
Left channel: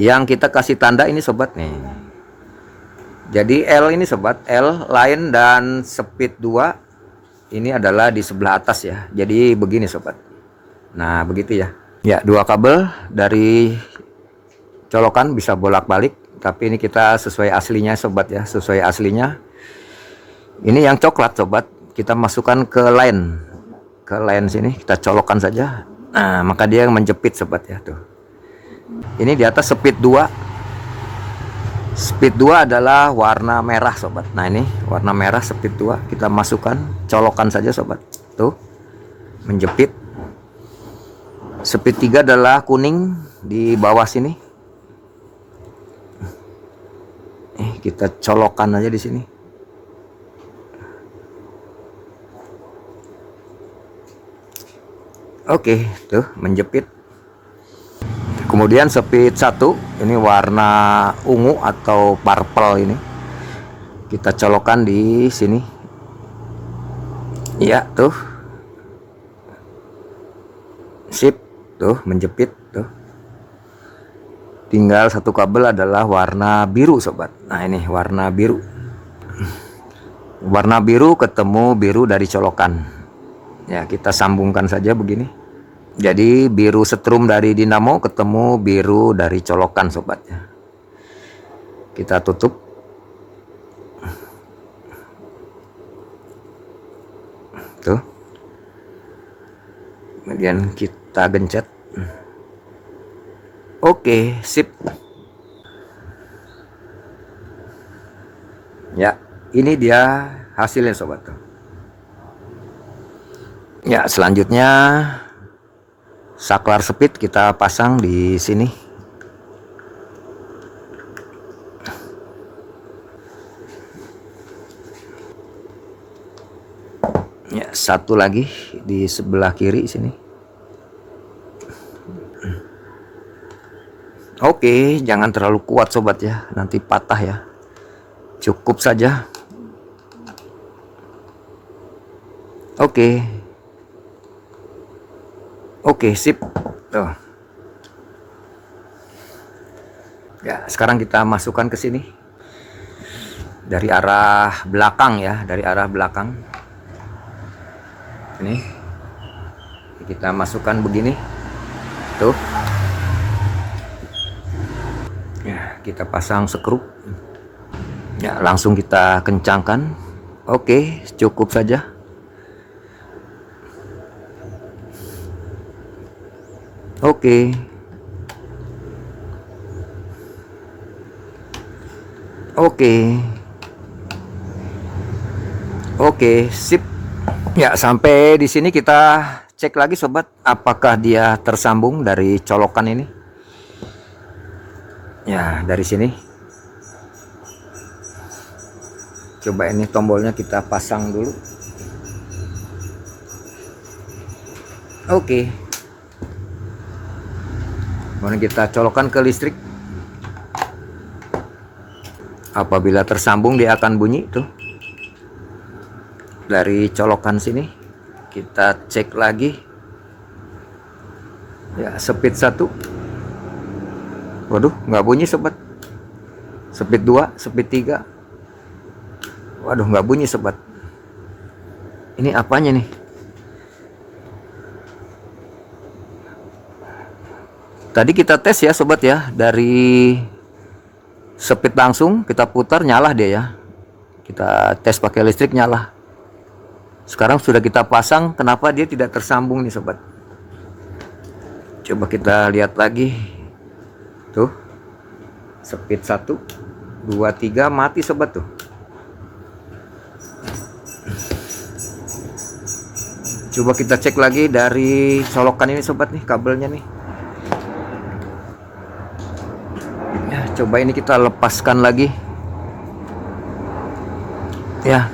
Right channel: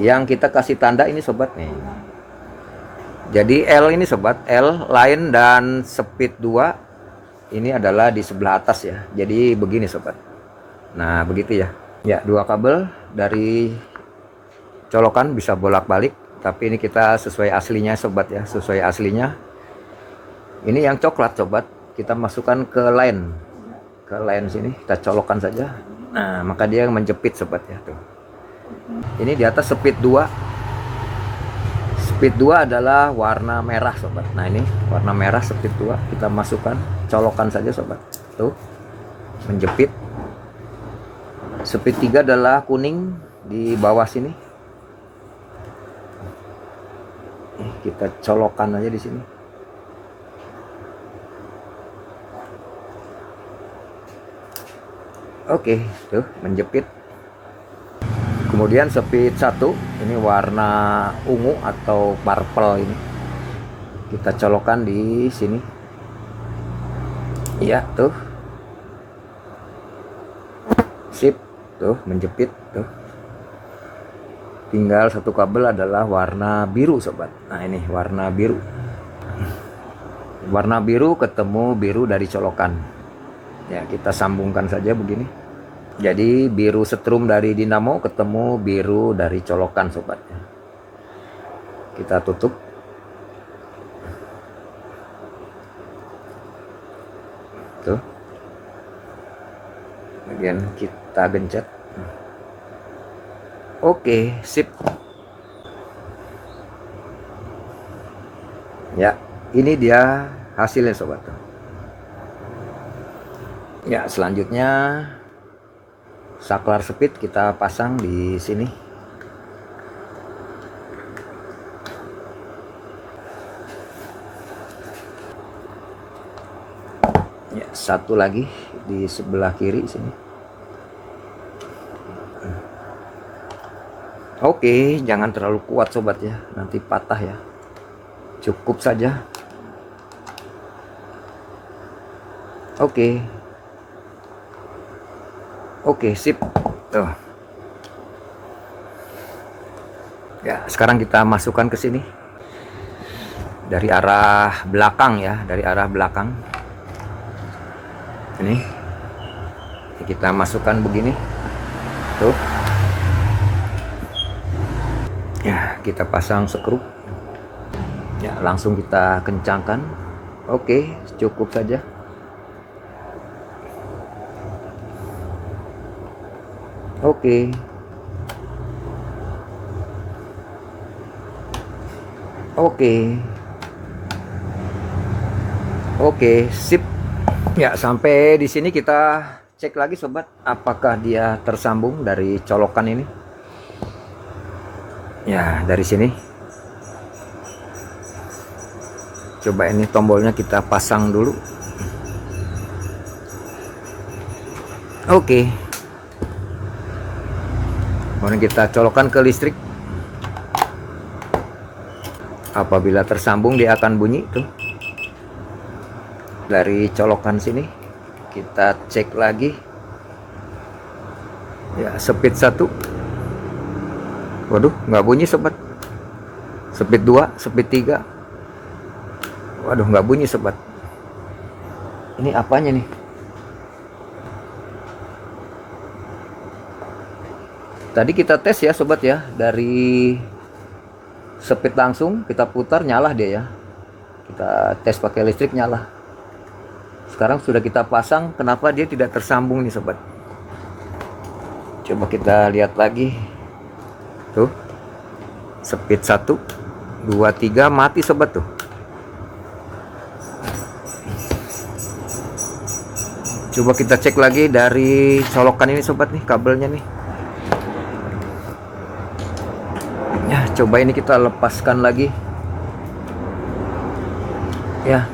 Yang kita kasih tanda ini sobat nih. Jadi L ini sobat, L line dan speed 2 ini adalah di sebelah atas ya. Jadi begini sobat. Nah, begitu ya. Ya, dua kabel dari colokan bisa bolak-balik, tapi ini kita sesuai aslinya sobat ya, sesuai aslinya. Ini yang coklat sobat. Kita masukkan ke line sini, kita colokkan saja. Nah, maka dia menjepit sobat ya tuh. Ini di atas speed 2. Speed 2 adalah warna merah sobat. Nah, ini warna merah speed 2, kita masukkan, colokkan saja sobat. Tuh. Menjepit. Speed 3 adalah kuning di bawah sini. Kita colokkan aja di sini. Oke, tuh menjepit. Kemudian speed 1 ini warna ungu atau purple ini. Kita colokkan di sini. Iya, tuh. Sip, tuh menjepit tuh. Tinggal satu kabel adalah warna biru sobat. Nah, ini warna biru. Warna biru ketemu biru dari colokan. Ya, kita sambungkan saja begini. Jadi biru setrum dari dinamo ketemu biru dari colokan sobat. Kita tutup. Tuh. Kemudian kita gencet. Oke, sip. Ya, ini dia hasilnya sobat. Ya, selanjutnya saklar speed kita pasang di sini. Ya, satu lagi di sebelah kiri sini. Oke, jangan terlalu kuat sobat ya, nanti patah ya. Cukup saja. Oke. Oke, sip. Tuh. Ya, sekarang kita masukkan ke sini. Dari arah belakang ya, dari arah belakang. Ini. Kita masukkan begini. Tuh. Ya, kita pasang skru. Ya, langsung kita kencangkan. Oke, cukup saja. Oke. Oke. Oke, sip. Ya, sampai di sini kita cek lagi sobat, apakah dia tersambung dari colokan ini. Ya, dari sini. Coba ini tombolnya kita pasang dulu. Oke. Kemudian kita colokan ke listrik. Apabila tersambung dia akan bunyi tuh. Dari colokan sini kita cek lagi. Ya, speed 1. Waduh, nggak bunyi sobat. Speed 2, speed 3. Waduh, nggak bunyi sobat. Ini apanya nih? Tadi kita tes ya sobat ya, dari speed langsung kita putar nyala dia ya. Kita tes pakai listrik nyala. Sekarang sudah kita pasang, kenapa dia tidak tersambung nih sobat? Coba kita lihat lagi. Tuh. Speed 1, 2, 3 mati sobat tuh. Coba kita cek lagi dari colokan ini sobat nih, kabelnya nih. Ya, coba ini kita lepaskan lagi. Ya.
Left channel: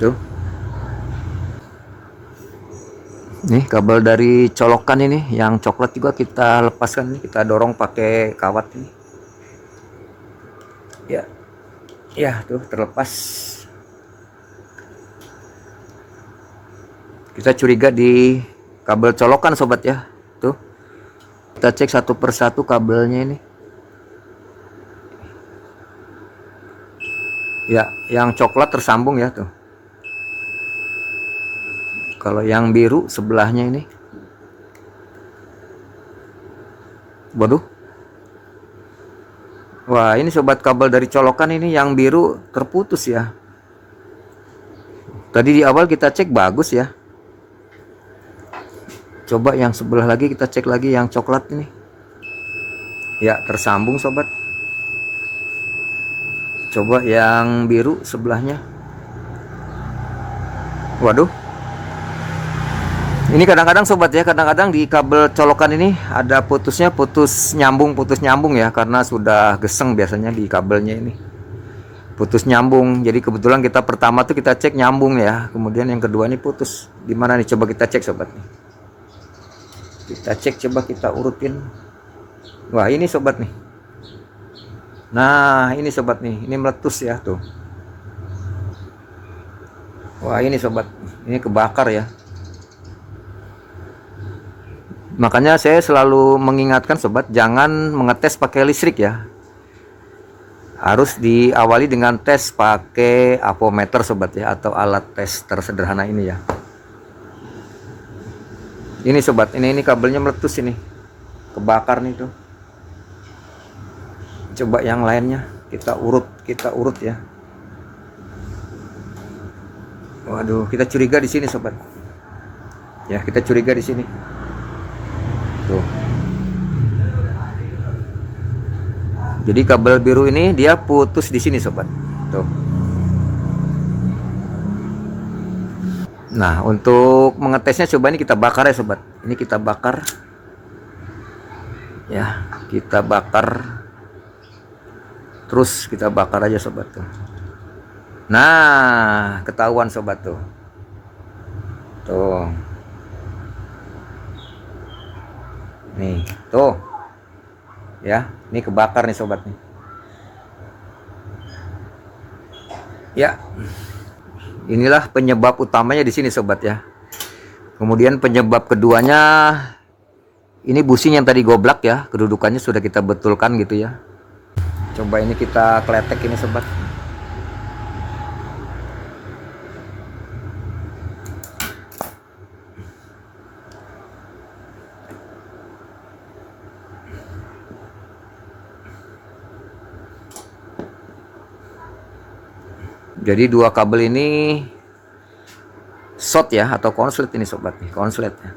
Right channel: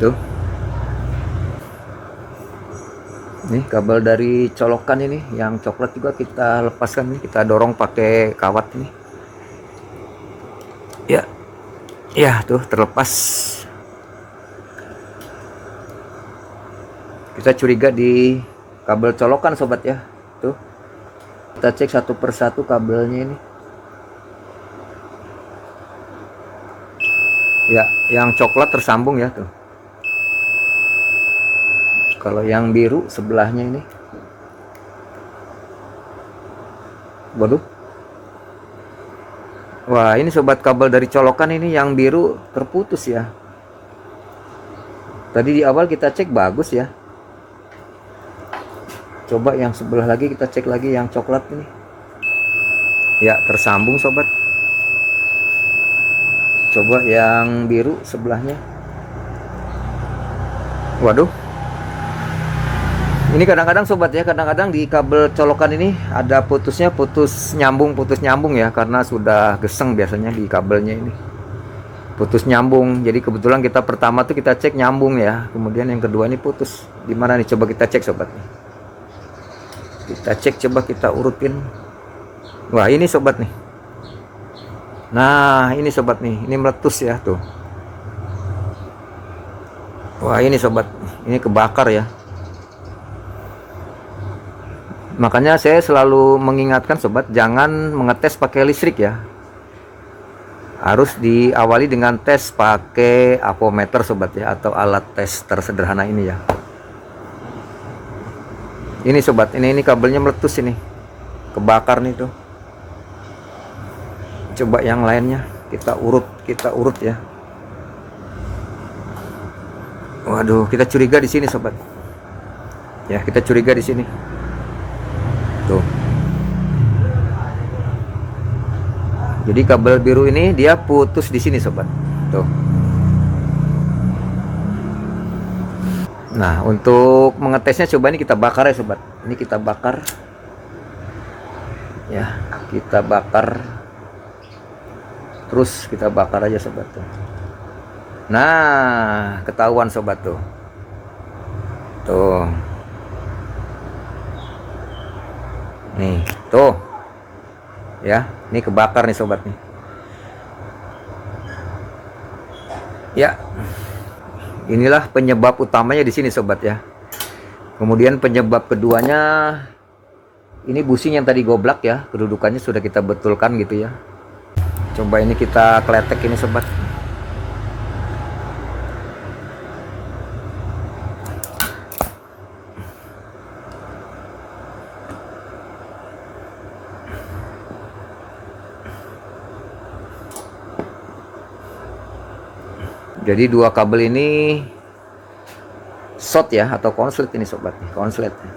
Tuh. Nih kabel dari colokan ini yang coklat juga kita lepaskan nih, kita dorong pakai kawat ini. Ya. Ya, tuh terlepas. Kita curiga di kabel colokan sobat ya. Tuh. Kita cek satu persatu kabelnya ini. Ya, yang coklat tersambung ya tuh. Kalau yang biru sebelahnya ini. Waduh. Wah, ini sobat kabel dari colokan ini yang biru terputus ya. Tadi di awal kita cek bagus ya. Coba yang sebelah lagi kita cek lagi yang coklat ini. Ya, tersambung sobat. Coba yang biru sebelahnya. Waduh. Ini kadang-kadang sobat ya, kadang-kadang di kabel colokan ini ada putusnya, putus nyambung ya, karena sudah geseng biasanya di kabelnya ini. Putus nyambung. Jadi kebetulan kita pertama tuh kita cek nyambung ya, kemudian yang kedua ini putus. Gimana nih, coba kita cek sobat nih. Kita cek, coba kita urutin. Wah, ini sobat nih. Nah, ini sobat nih, ini meletus ya tuh. Wah, ini sobat, ini kebakar ya. Makanya saya selalu mengingatkan sobat, jangan mengetes pakai listrik ya. Harus diawali dengan tes pakai apometer sobat ya, atau alat tes tersederhana ini ya. Ini sobat, ini kabelnya meletus ini. Kebakar nih tuh. Coba yang lainnya kita urut ya. Waduh, kita curiga di sini sobat. Ya, kita curiga di sini. Tuh. Jadi kabel biru ini dia putus di sini sobat. Tuh. Nah, untuk mengetesnya coba ini kita bakar ya sobat. Ini kita bakar. Ya, kita bakar. Terus kita bakar aja sobat tuh. Nah, ketahuan sobat tuh. Tuh. Nih, tuh. Ya, ini kebakar nih sobat nih. Ya, inilah penyebab utamanya di sini sobat ya. Kemudian penyebab keduanya, ini bushing yang tadi goblak ya, kedudukannya sudah kita betulkan gitu ya. Coba ini kita kletek ini sobat. Jadi dua kabel ini short ya, atau konslet ini sobat, konslet ya.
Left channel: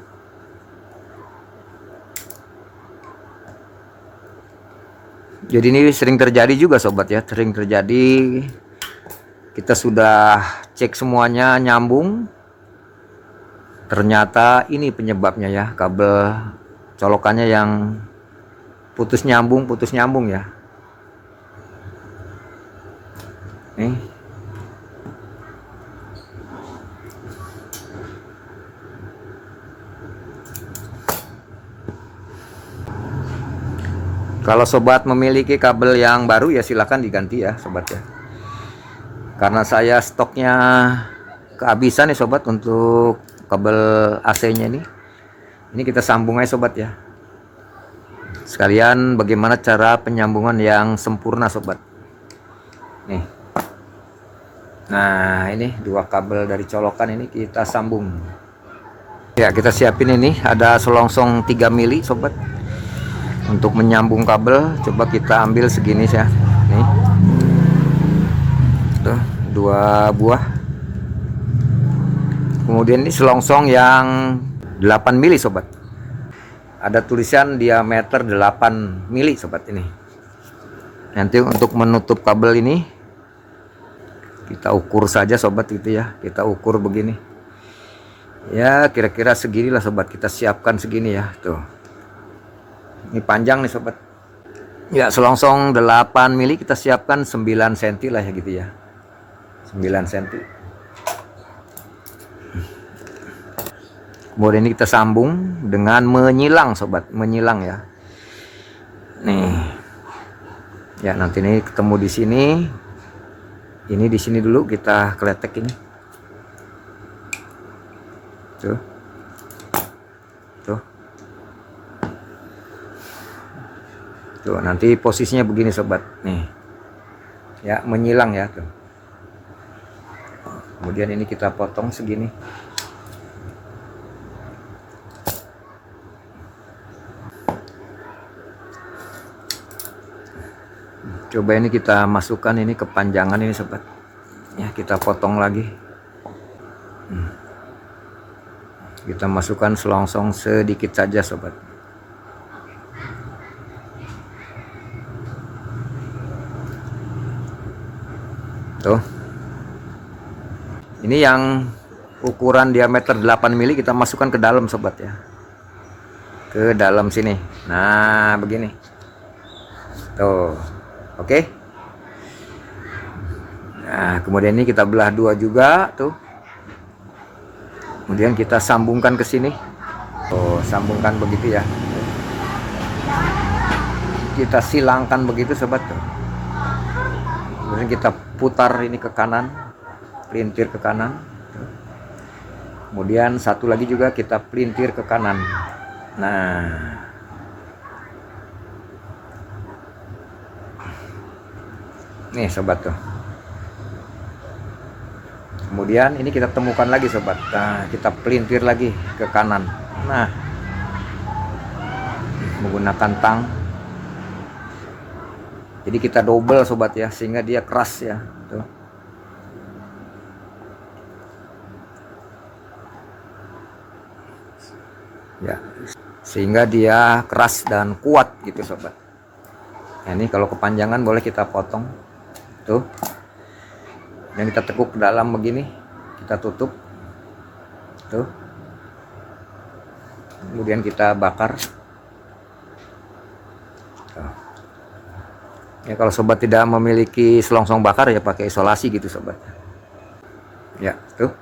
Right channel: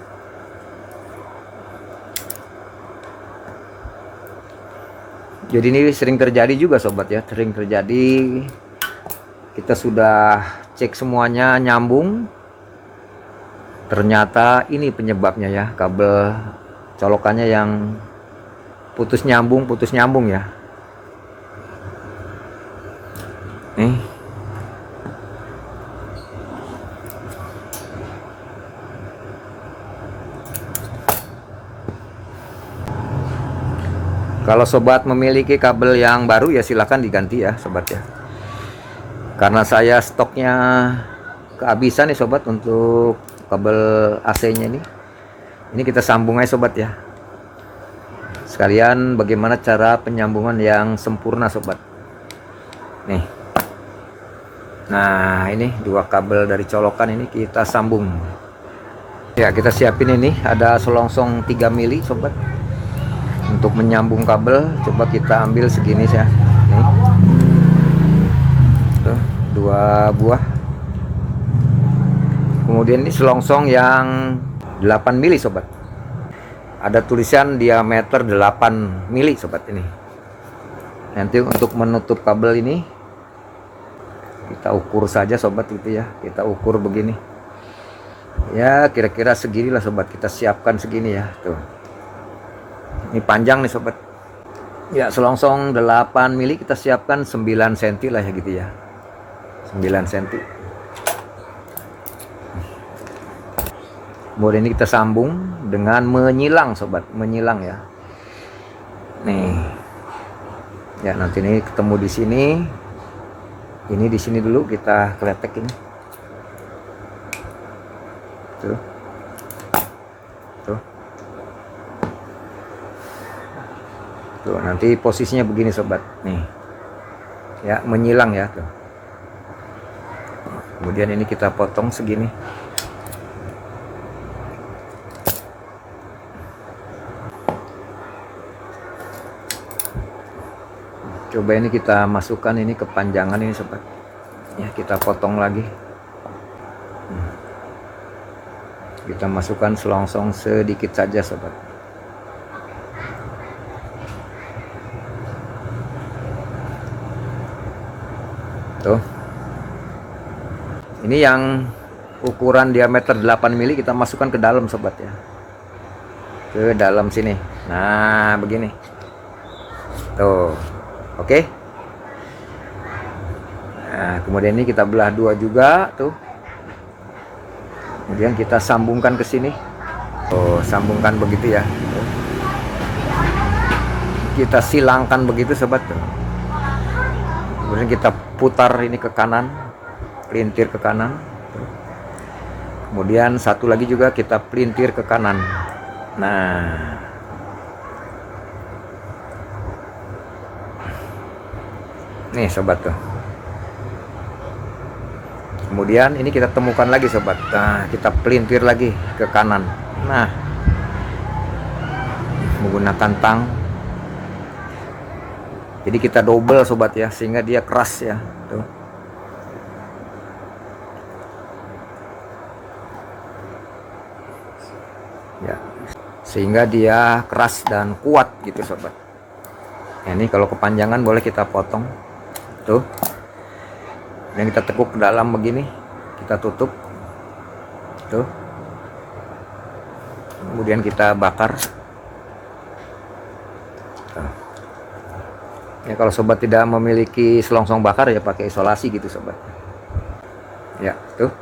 Jadi ini sering terjadi juga sobat ya, sering terjadi. Kita sudah cek semuanya nyambung, ternyata ini penyebabnya ya, kabel colokannya yang putus nyambung ya. Nih. Kalau sobat memiliki kabel yang baru ya silakan diganti ya sobat ya. Karena saya stoknya kehabisan nih sobat untuk kabel AC-nya ini. Ini kita sambung aja sobat ya. Sekalian bagaimana cara penyambungan yang sempurna sobat. Nih. Nah, ini dua kabel dari colokan ini kita sambung. Ya, kita siapin ini ada selongsong 3 mili sobat. Untuk menyambung kabel, coba kita ambil segini ya. Nih. Tuh, 2 buah. Kemudian ini selongsong yang 8 mili sobat. Ada tulisan diameter 8 mili sobat ini. Nanti untuk menutup kabel ini kita ukur saja sobat gitu ya. Kita ukur begini. Ya, kira-kira seginilah sobat, kita siapkan segini ya, tuh. Ini panjang nih sobat. Ya, selongsong 8 mili kita siapkan 9 cm lah ya gitu ya. 9 cm. Kemudian ini kita sambung dengan menyilang sobat, menyilang ya. Nih. Ya, nanti ini ketemu di sini. Ini di sini dulu kita kletek ini. Tuh. Tuh. Tuh, nanti posisinya begini sobat. Nih. Ya, menyilang ya tuh. Kemudian ini kita potong segini. Coba ini kita masukkan ini kepanjangan ini sobat. Ya, kita potong lagi. Kita masukkan selongsong sedikit saja sobat. Tuh. Ini yang ukuran diameter 8 mili kita masukkan ke dalam sobat ya. Ke dalam sini. Nah, begini. Tuh. Oke. Nah, kemudian ini kita belah dua juga tuh. Kemudian kita sambungkan ke sini. Oh, sambungkan begitu ya. Kita silangkan begitu sobat tuh. Kemudian kita putar ini ke kanan, pelintir ke kanan. Kemudian satu lagi juga kita pelintir ke kanan. Nah, nih sobat tuh. Kemudian ini kita temukan lagi sobat. Nah, kita pelintir lagi ke kanan. Nah, menggunakan tang. Jadi kita double sobat ya, sehingga dia keras ya. Tuh. Ya, sehingga dia keras dan kuat gitu sobat. Nah, ini kalau kepanjangan boleh kita potong. Tuh. Dan kita tekuk ke dalam begini, kita tutup. Tuh. Kemudian kita bakar. Tuh. Ya, kalau sobat tidak memiliki selongsong bakar ya pakai isolasi gitu sobat. Ya, tuh.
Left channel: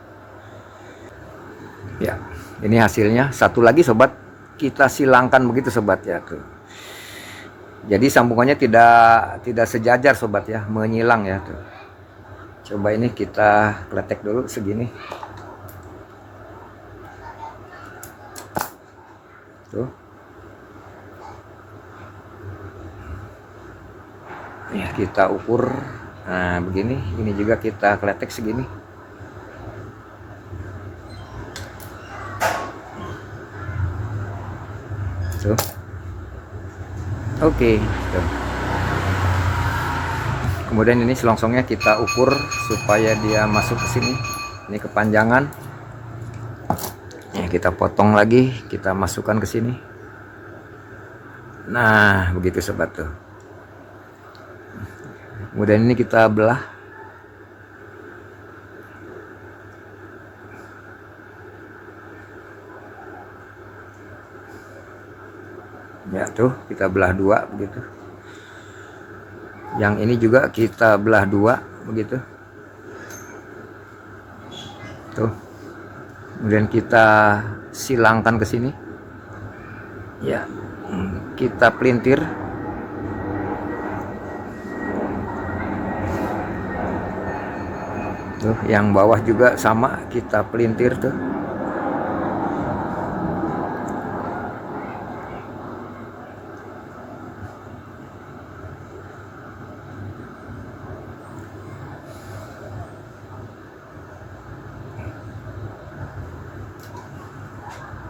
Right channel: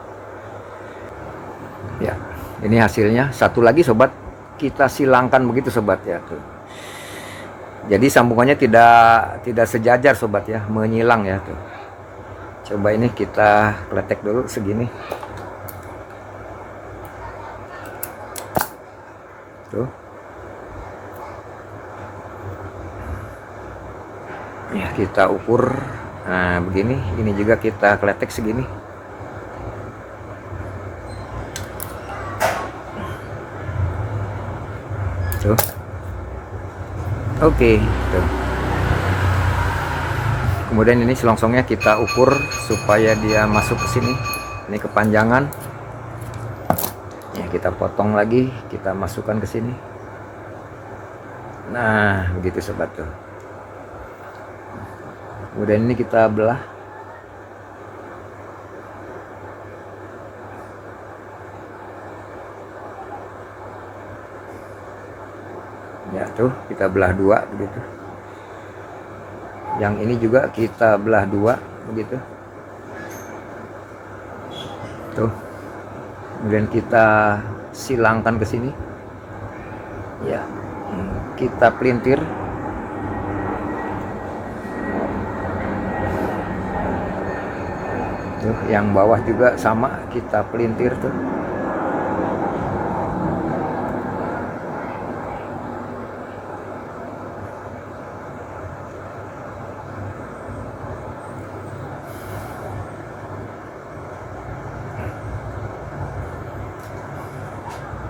Ya, ini hasilnya. Satu lagi sobat, kita silangkan begitu sobat ya tuh. Jadi sambungannya tidak sejajar sobat ya, menyilang ya tuh. Coba ini kita kletek dulu segini. Tuh. Ya, kita ukur. Nah, begini. Ini juga kita kletek segini. Tuh. Oke, tuh. Kemudian ini selongsongnya kita ukur supaya dia masuk ke sini. Ini kepanjangan. Ya, kita potong lagi, kita masukkan ke sini. Nah, begitu sobat tuh. Kemudian ini kita belah. Ya tuh, kita belah dua begitu. Yang ini juga kita belah dua begitu. Tuh. Kemudian kita silangkan ke sini. Ya. Kita pelintir. Tuh, yang bawah juga sama, kita pelintir tuh.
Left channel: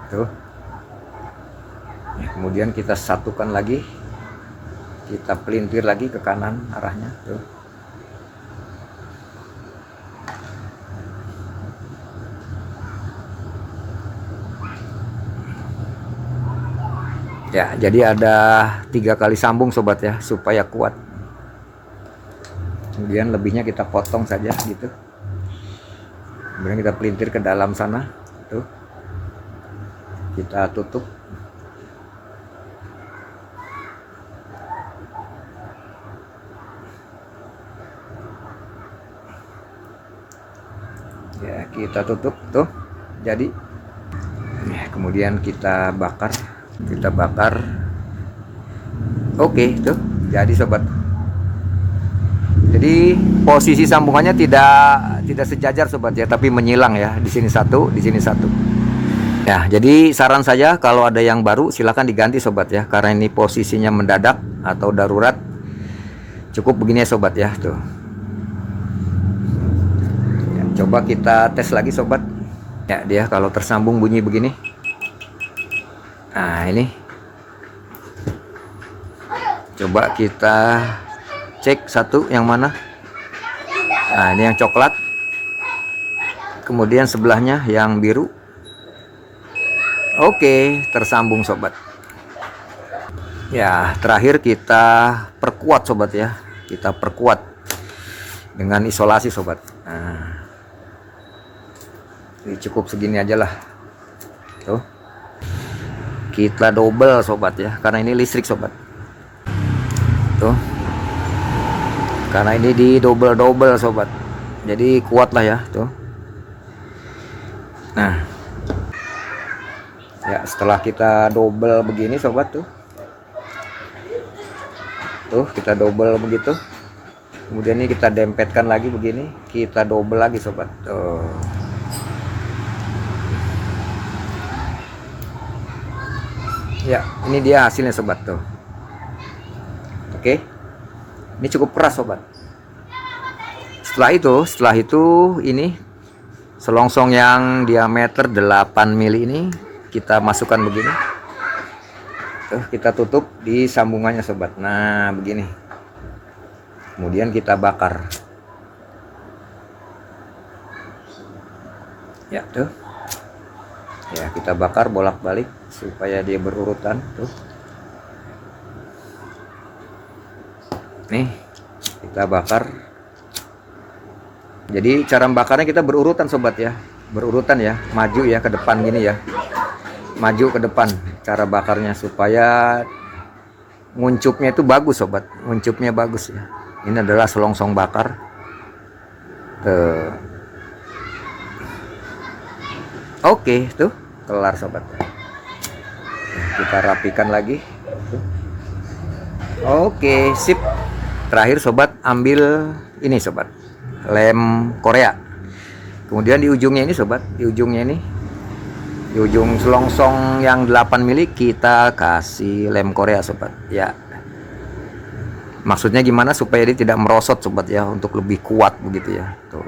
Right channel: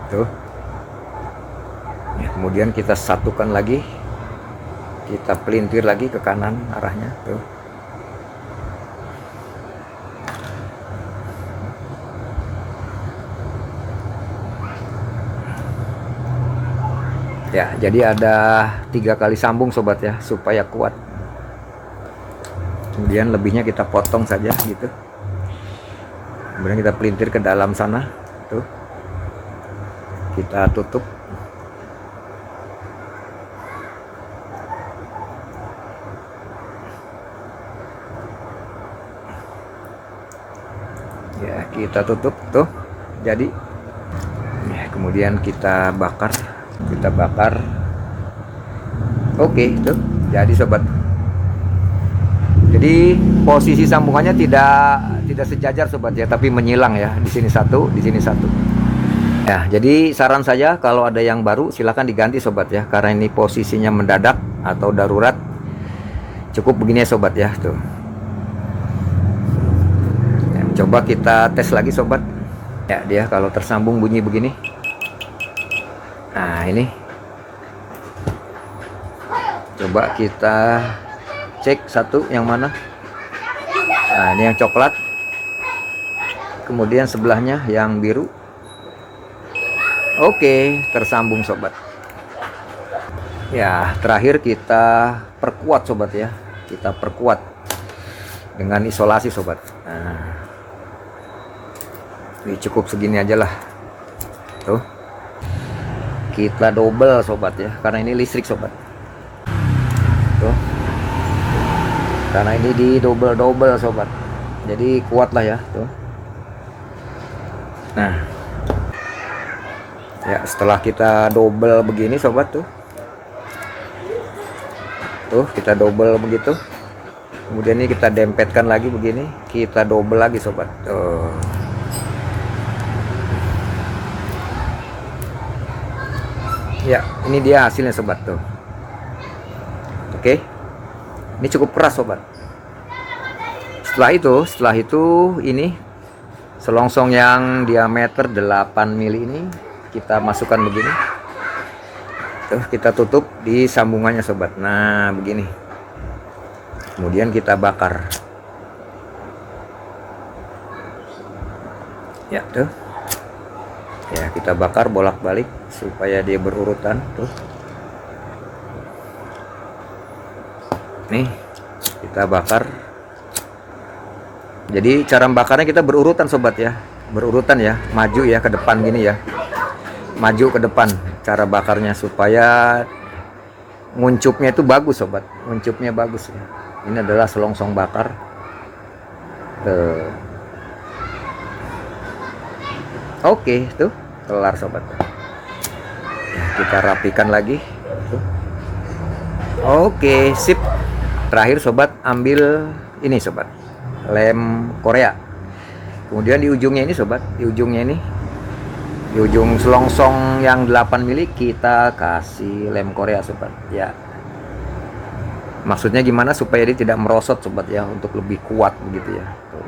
Tuh. Ya, kemudian kita satukan lagi, kita pelintir lagi ke kanan arahnya tuh. Ya, jadi ada 3 kali sambung sobat ya, supaya kuat. Kemudian lebihnya kita potong saja gitu. Kemudian kita pelintir ke dalam sana tuh. Kita tutup. Ya, kita tutup tuh. Jadi ya, kemudian kita bakar. Oke, tuh. Jadi sobat. Jadi posisi sambungannya tidak sejajar sobat ya, tapi menyilang ya. Di sini satu, di sini satu. Ya, jadi saran saya kalau ada yang baru silahkan diganti sobat ya, karena ini posisinya mendadak atau darurat. Cukup begini ya sobat ya, tuh. Ya, coba kita tes lagi sobat. Ya, dia kalau tersambung bunyi begini. Nah, ini. Coba kita cek satu yang mana. Nah, ini yang coklat. Kemudian sebelahnya yang biru. Oke, tersambung sobat. Ya, terakhir kita perkuat sobat ya. Kita perkuat dengan isolasi sobat. Nah, ini cukup segini aja lah. Tuh. Kita double sobat ya, karena ini listrik sobat. Tuh. Karena ini di double sobat. Jadi kuat lah ya, tuh. Nah. Ya, setelah kita double begini sobat tuh. Tuh, kita double begitu. Kemudian ini kita dempetkan lagi begini, kita double lagi sobat. Tuh. Ya, ini dia hasilnya sobat tuh. Oke. Ini cukup keras sobat. Setelah itu ini selongsong yang diameter 8 mili ini kita masukkan begini. Tuh, kita tutup di sambungannya sobat. Nah, begini. Kemudian kita bakar. Ya, tuh. Ya, kita bakar bolak-balik supaya dia berurutan tuh. Nih, kita bakar. Jadi cara bakarnya kita berurutan sobat ya. Berurutan ya, maju ya ke depan gini ya. Maju ke depan cara bakarnya supaya nguncupnya itu bagus sobat, nguncupnya bagus ya. Ini adalah selongsong bakar. Oke, tuh kelar sobat. Ya, kita rapikan lagi tuh. Oke, sip. Terakhir sobat ambil ini sobat, lem Korea. Kemudian di ujungnya ini sobat, di ujungnya ini, di ujung selongsong yang 8 mili kita kasih lem Korea sobat ya. Maksudnya gimana supaya dia tidak merosot sobat ya, untuk lebih kuat begitu ya. Tuh.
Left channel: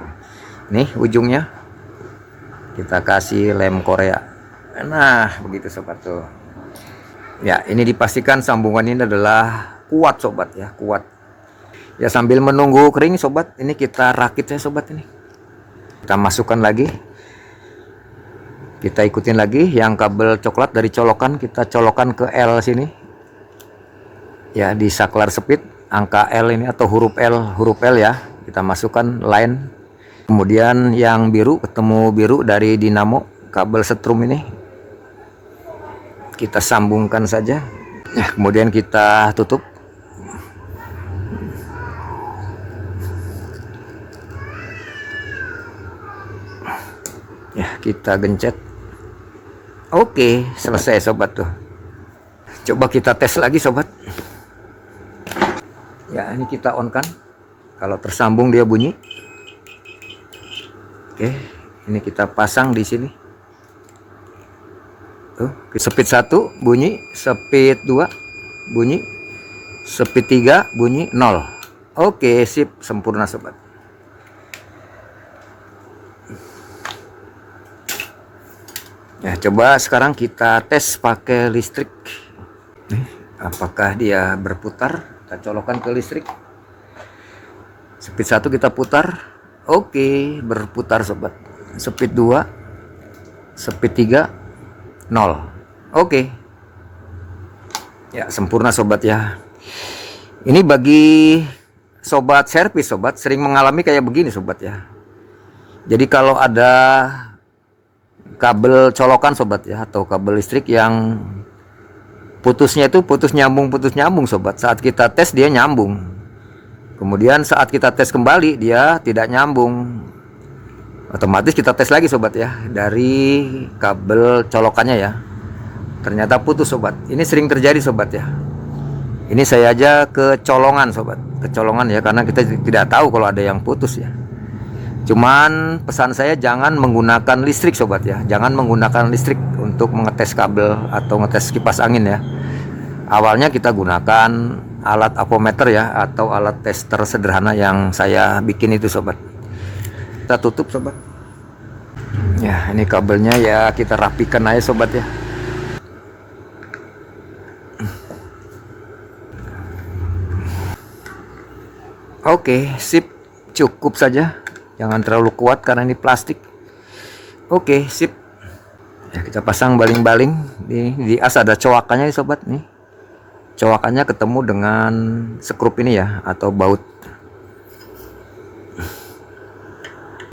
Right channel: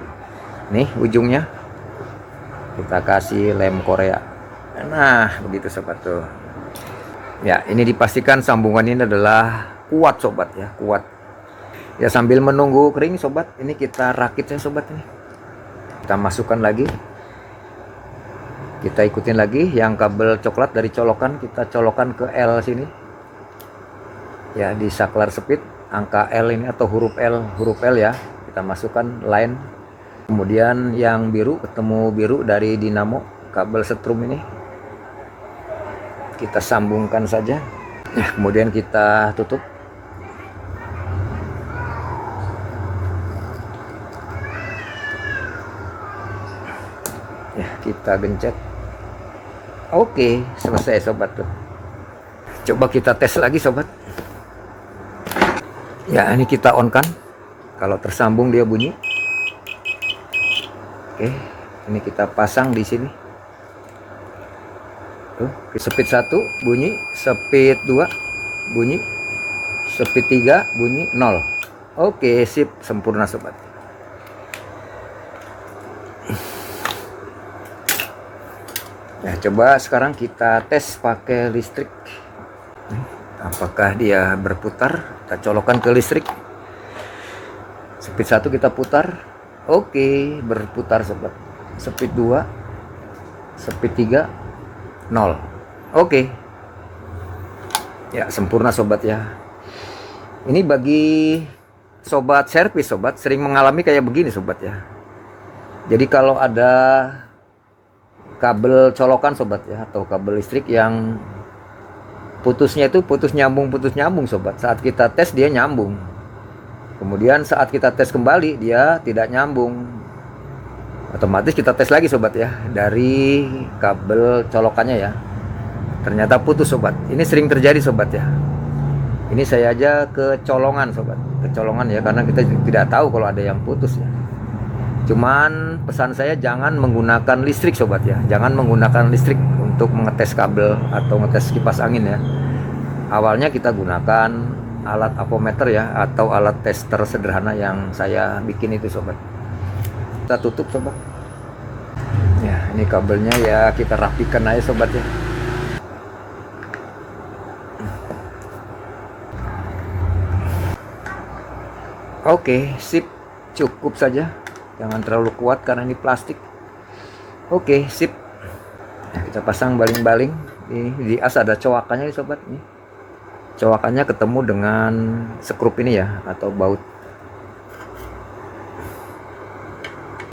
Nih ujungnya kita kasih lem Korea. Nah begitu sobat tuh ya. Ini dipastikan sambungan ini adalah kuat sobat ya, kuat ya. Sambil menunggu kering sobat, ini kita rakit ya sobat. Ini kita masukkan lagi, kita ikutin lagi yang kabel coklat dari colokan, kita colokan ke L sini ya, di saklar speed angka L ini atau huruf L ya, kita masukkan line. Kemudian yang biru, ketemu biru dari dinamo kabel setrum ini kita sambungkan saja. Nah kemudian kita tutup. Ya kita gencet. Oke selesai sobat tuh. Coba kita tes lagi sobat ya. Ini kita on kan, kalau tersambung dia bunyi. Oke, ini kita pasang di sini. Tuh, speed 1 bunyi, speed 2 bunyi, speed 3 bunyi 0. Oke, sip, sempurna sobat. Ya, coba sekarang kita tes pakai listrik. Apakah dia berputar? Kita colokkan ke listrik. Speed 1 kita putar. Oke, berputar sobat. Speed 2, speed 3, 0. Oke. Ya, sempurna sobat ya. Ini bagi sobat servis sobat, sering mengalami kayak begini sobat ya. Jadi kalau ada kabel colokan sobat ya, atau kabel listrik yang putusnya itu putus nyambung sobat. Saat kita tes dia nyambung. Kemudian saat kita tes kembali dia tidak nyambung. Otomatis kita tes lagi sobat ya, dari kabel colokannya ya. Ternyata putus sobat. Ini sering terjadi sobat ya. Ini saya aja kecolongan sobat, kecolongan ya, karena kita tidak tahu kalau ada yang putus ya. Cuman pesan saya jangan menggunakan listrik sobat ya. Jangan menggunakan listrik untuk mengetes kabel atau ngetes kipas angin ya. Awalnya kita gunakan alat apometer ya, atau alat tester sederhana yang saya bikin itu sobat. Kita tutup sobat. Ya ini kabelnya ya, kita rapikan aja sobat ya. Oke sip, cukup saja, jangan terlalu kuat karena ini plastik. Oke sip ya, kita pasang baling-baling. Di as ada coakannya sobat nih. Coakannya ketemu dengan skrup ini ya, atau baut.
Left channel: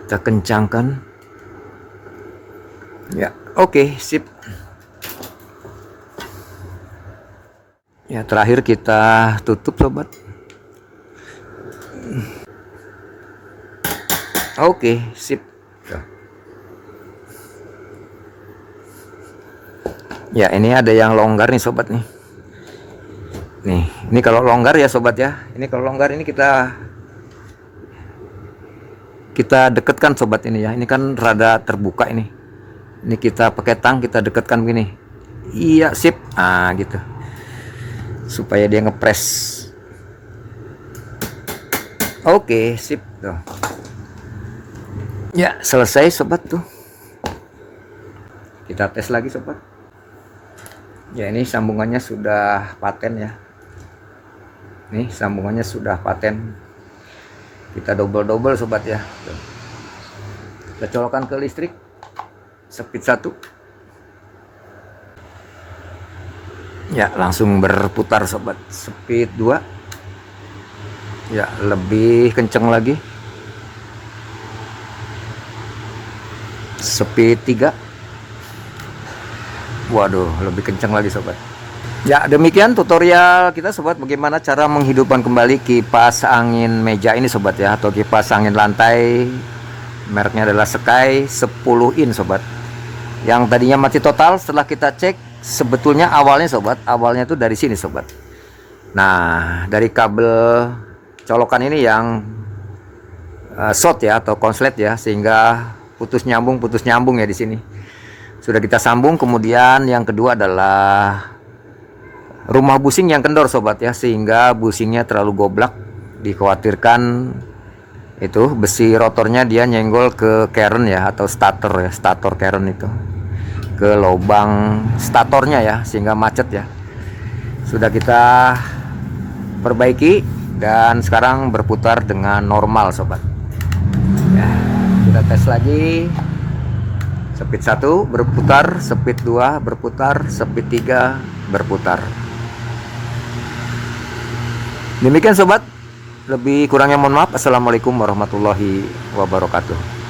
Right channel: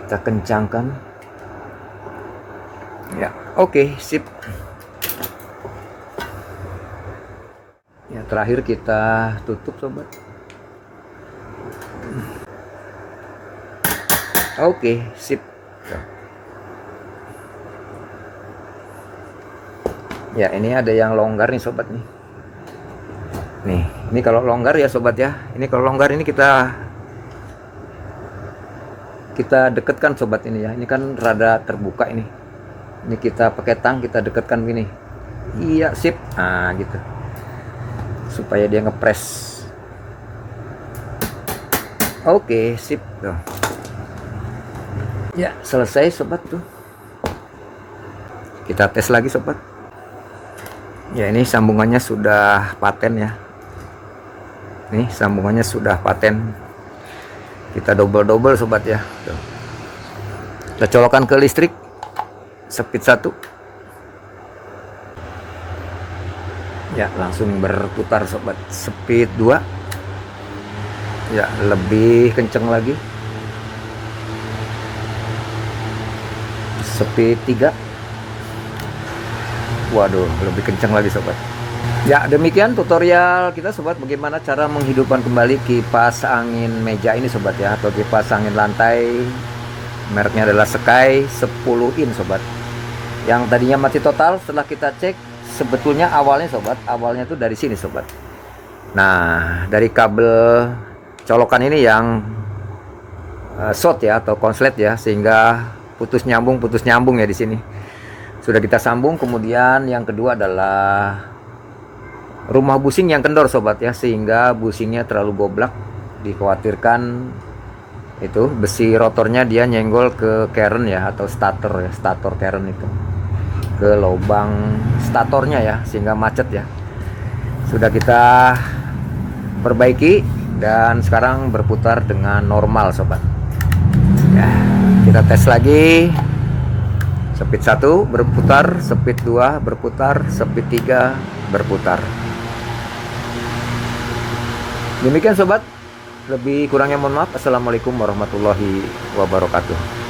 Kita kencangkan ya. Oke sip ya. Terakhir kita tutup sobat. Oke sip ya. Ini ada yang longgar nih sobat nih. Nih, ini kalau longgar ya sobat ya. Ini kalau longgar ini kita dekatkan sobat ini ya. Ini kan rada terbuka ini. Ini kita pakai tang, kita dekatkan begini. Iya, sip. Nah, gitu. Supaya dia ngepres. Oke, sip. Tuh. Ya, selesai sobat tuh. Kita tes lagi sobat. Ya, ini sambungannya sudah paten ya. Nih sambungannya sudah paten. Kita double sobat ya. Tuh. Kita colokan ke listrik. Speed 1 ya, langsung berputar sobat. Speed 2 ya, lebih kenceng lagi. Speed 3, waduh lebih kenceng lagi sobat. Ya demikian tutorial kita sobat, bagaimana cara menghidupkan kembali kipas angin meja ini sobat ya, atau kipas angin lantai. Mereknya adalah Sky 10 in sobat. Yang tadinya mati total, setelah kita cek sebetulnya awalnya sobat, awalnya tuh dari sini sobat. Nah dari kabel colokan ini yang short ya atau konslet ya, sehingga putus nyambung ya di sini. Sudah kita sambung. Kemudian yang kedua adalah rumah busing yang kendor sobat ya, sehingga busingnya terlalu goblak. Dikhawatirkan itu besi rotornya dia nyenggol ke keren ya, atau stator ya, stator keren itu ke lubang statornya ya, sehingga macet ya. Sudah kita perbaiki dan sekarang berputar dengan normal sobat ya. Kita tes lagi. Speed 1 berputar, speed 2 berputar, speed 3 berputar. Demikian sobat, lebih kurangnya mohon maaf. Assalamualaikum warahmatullahi wabarakatuh.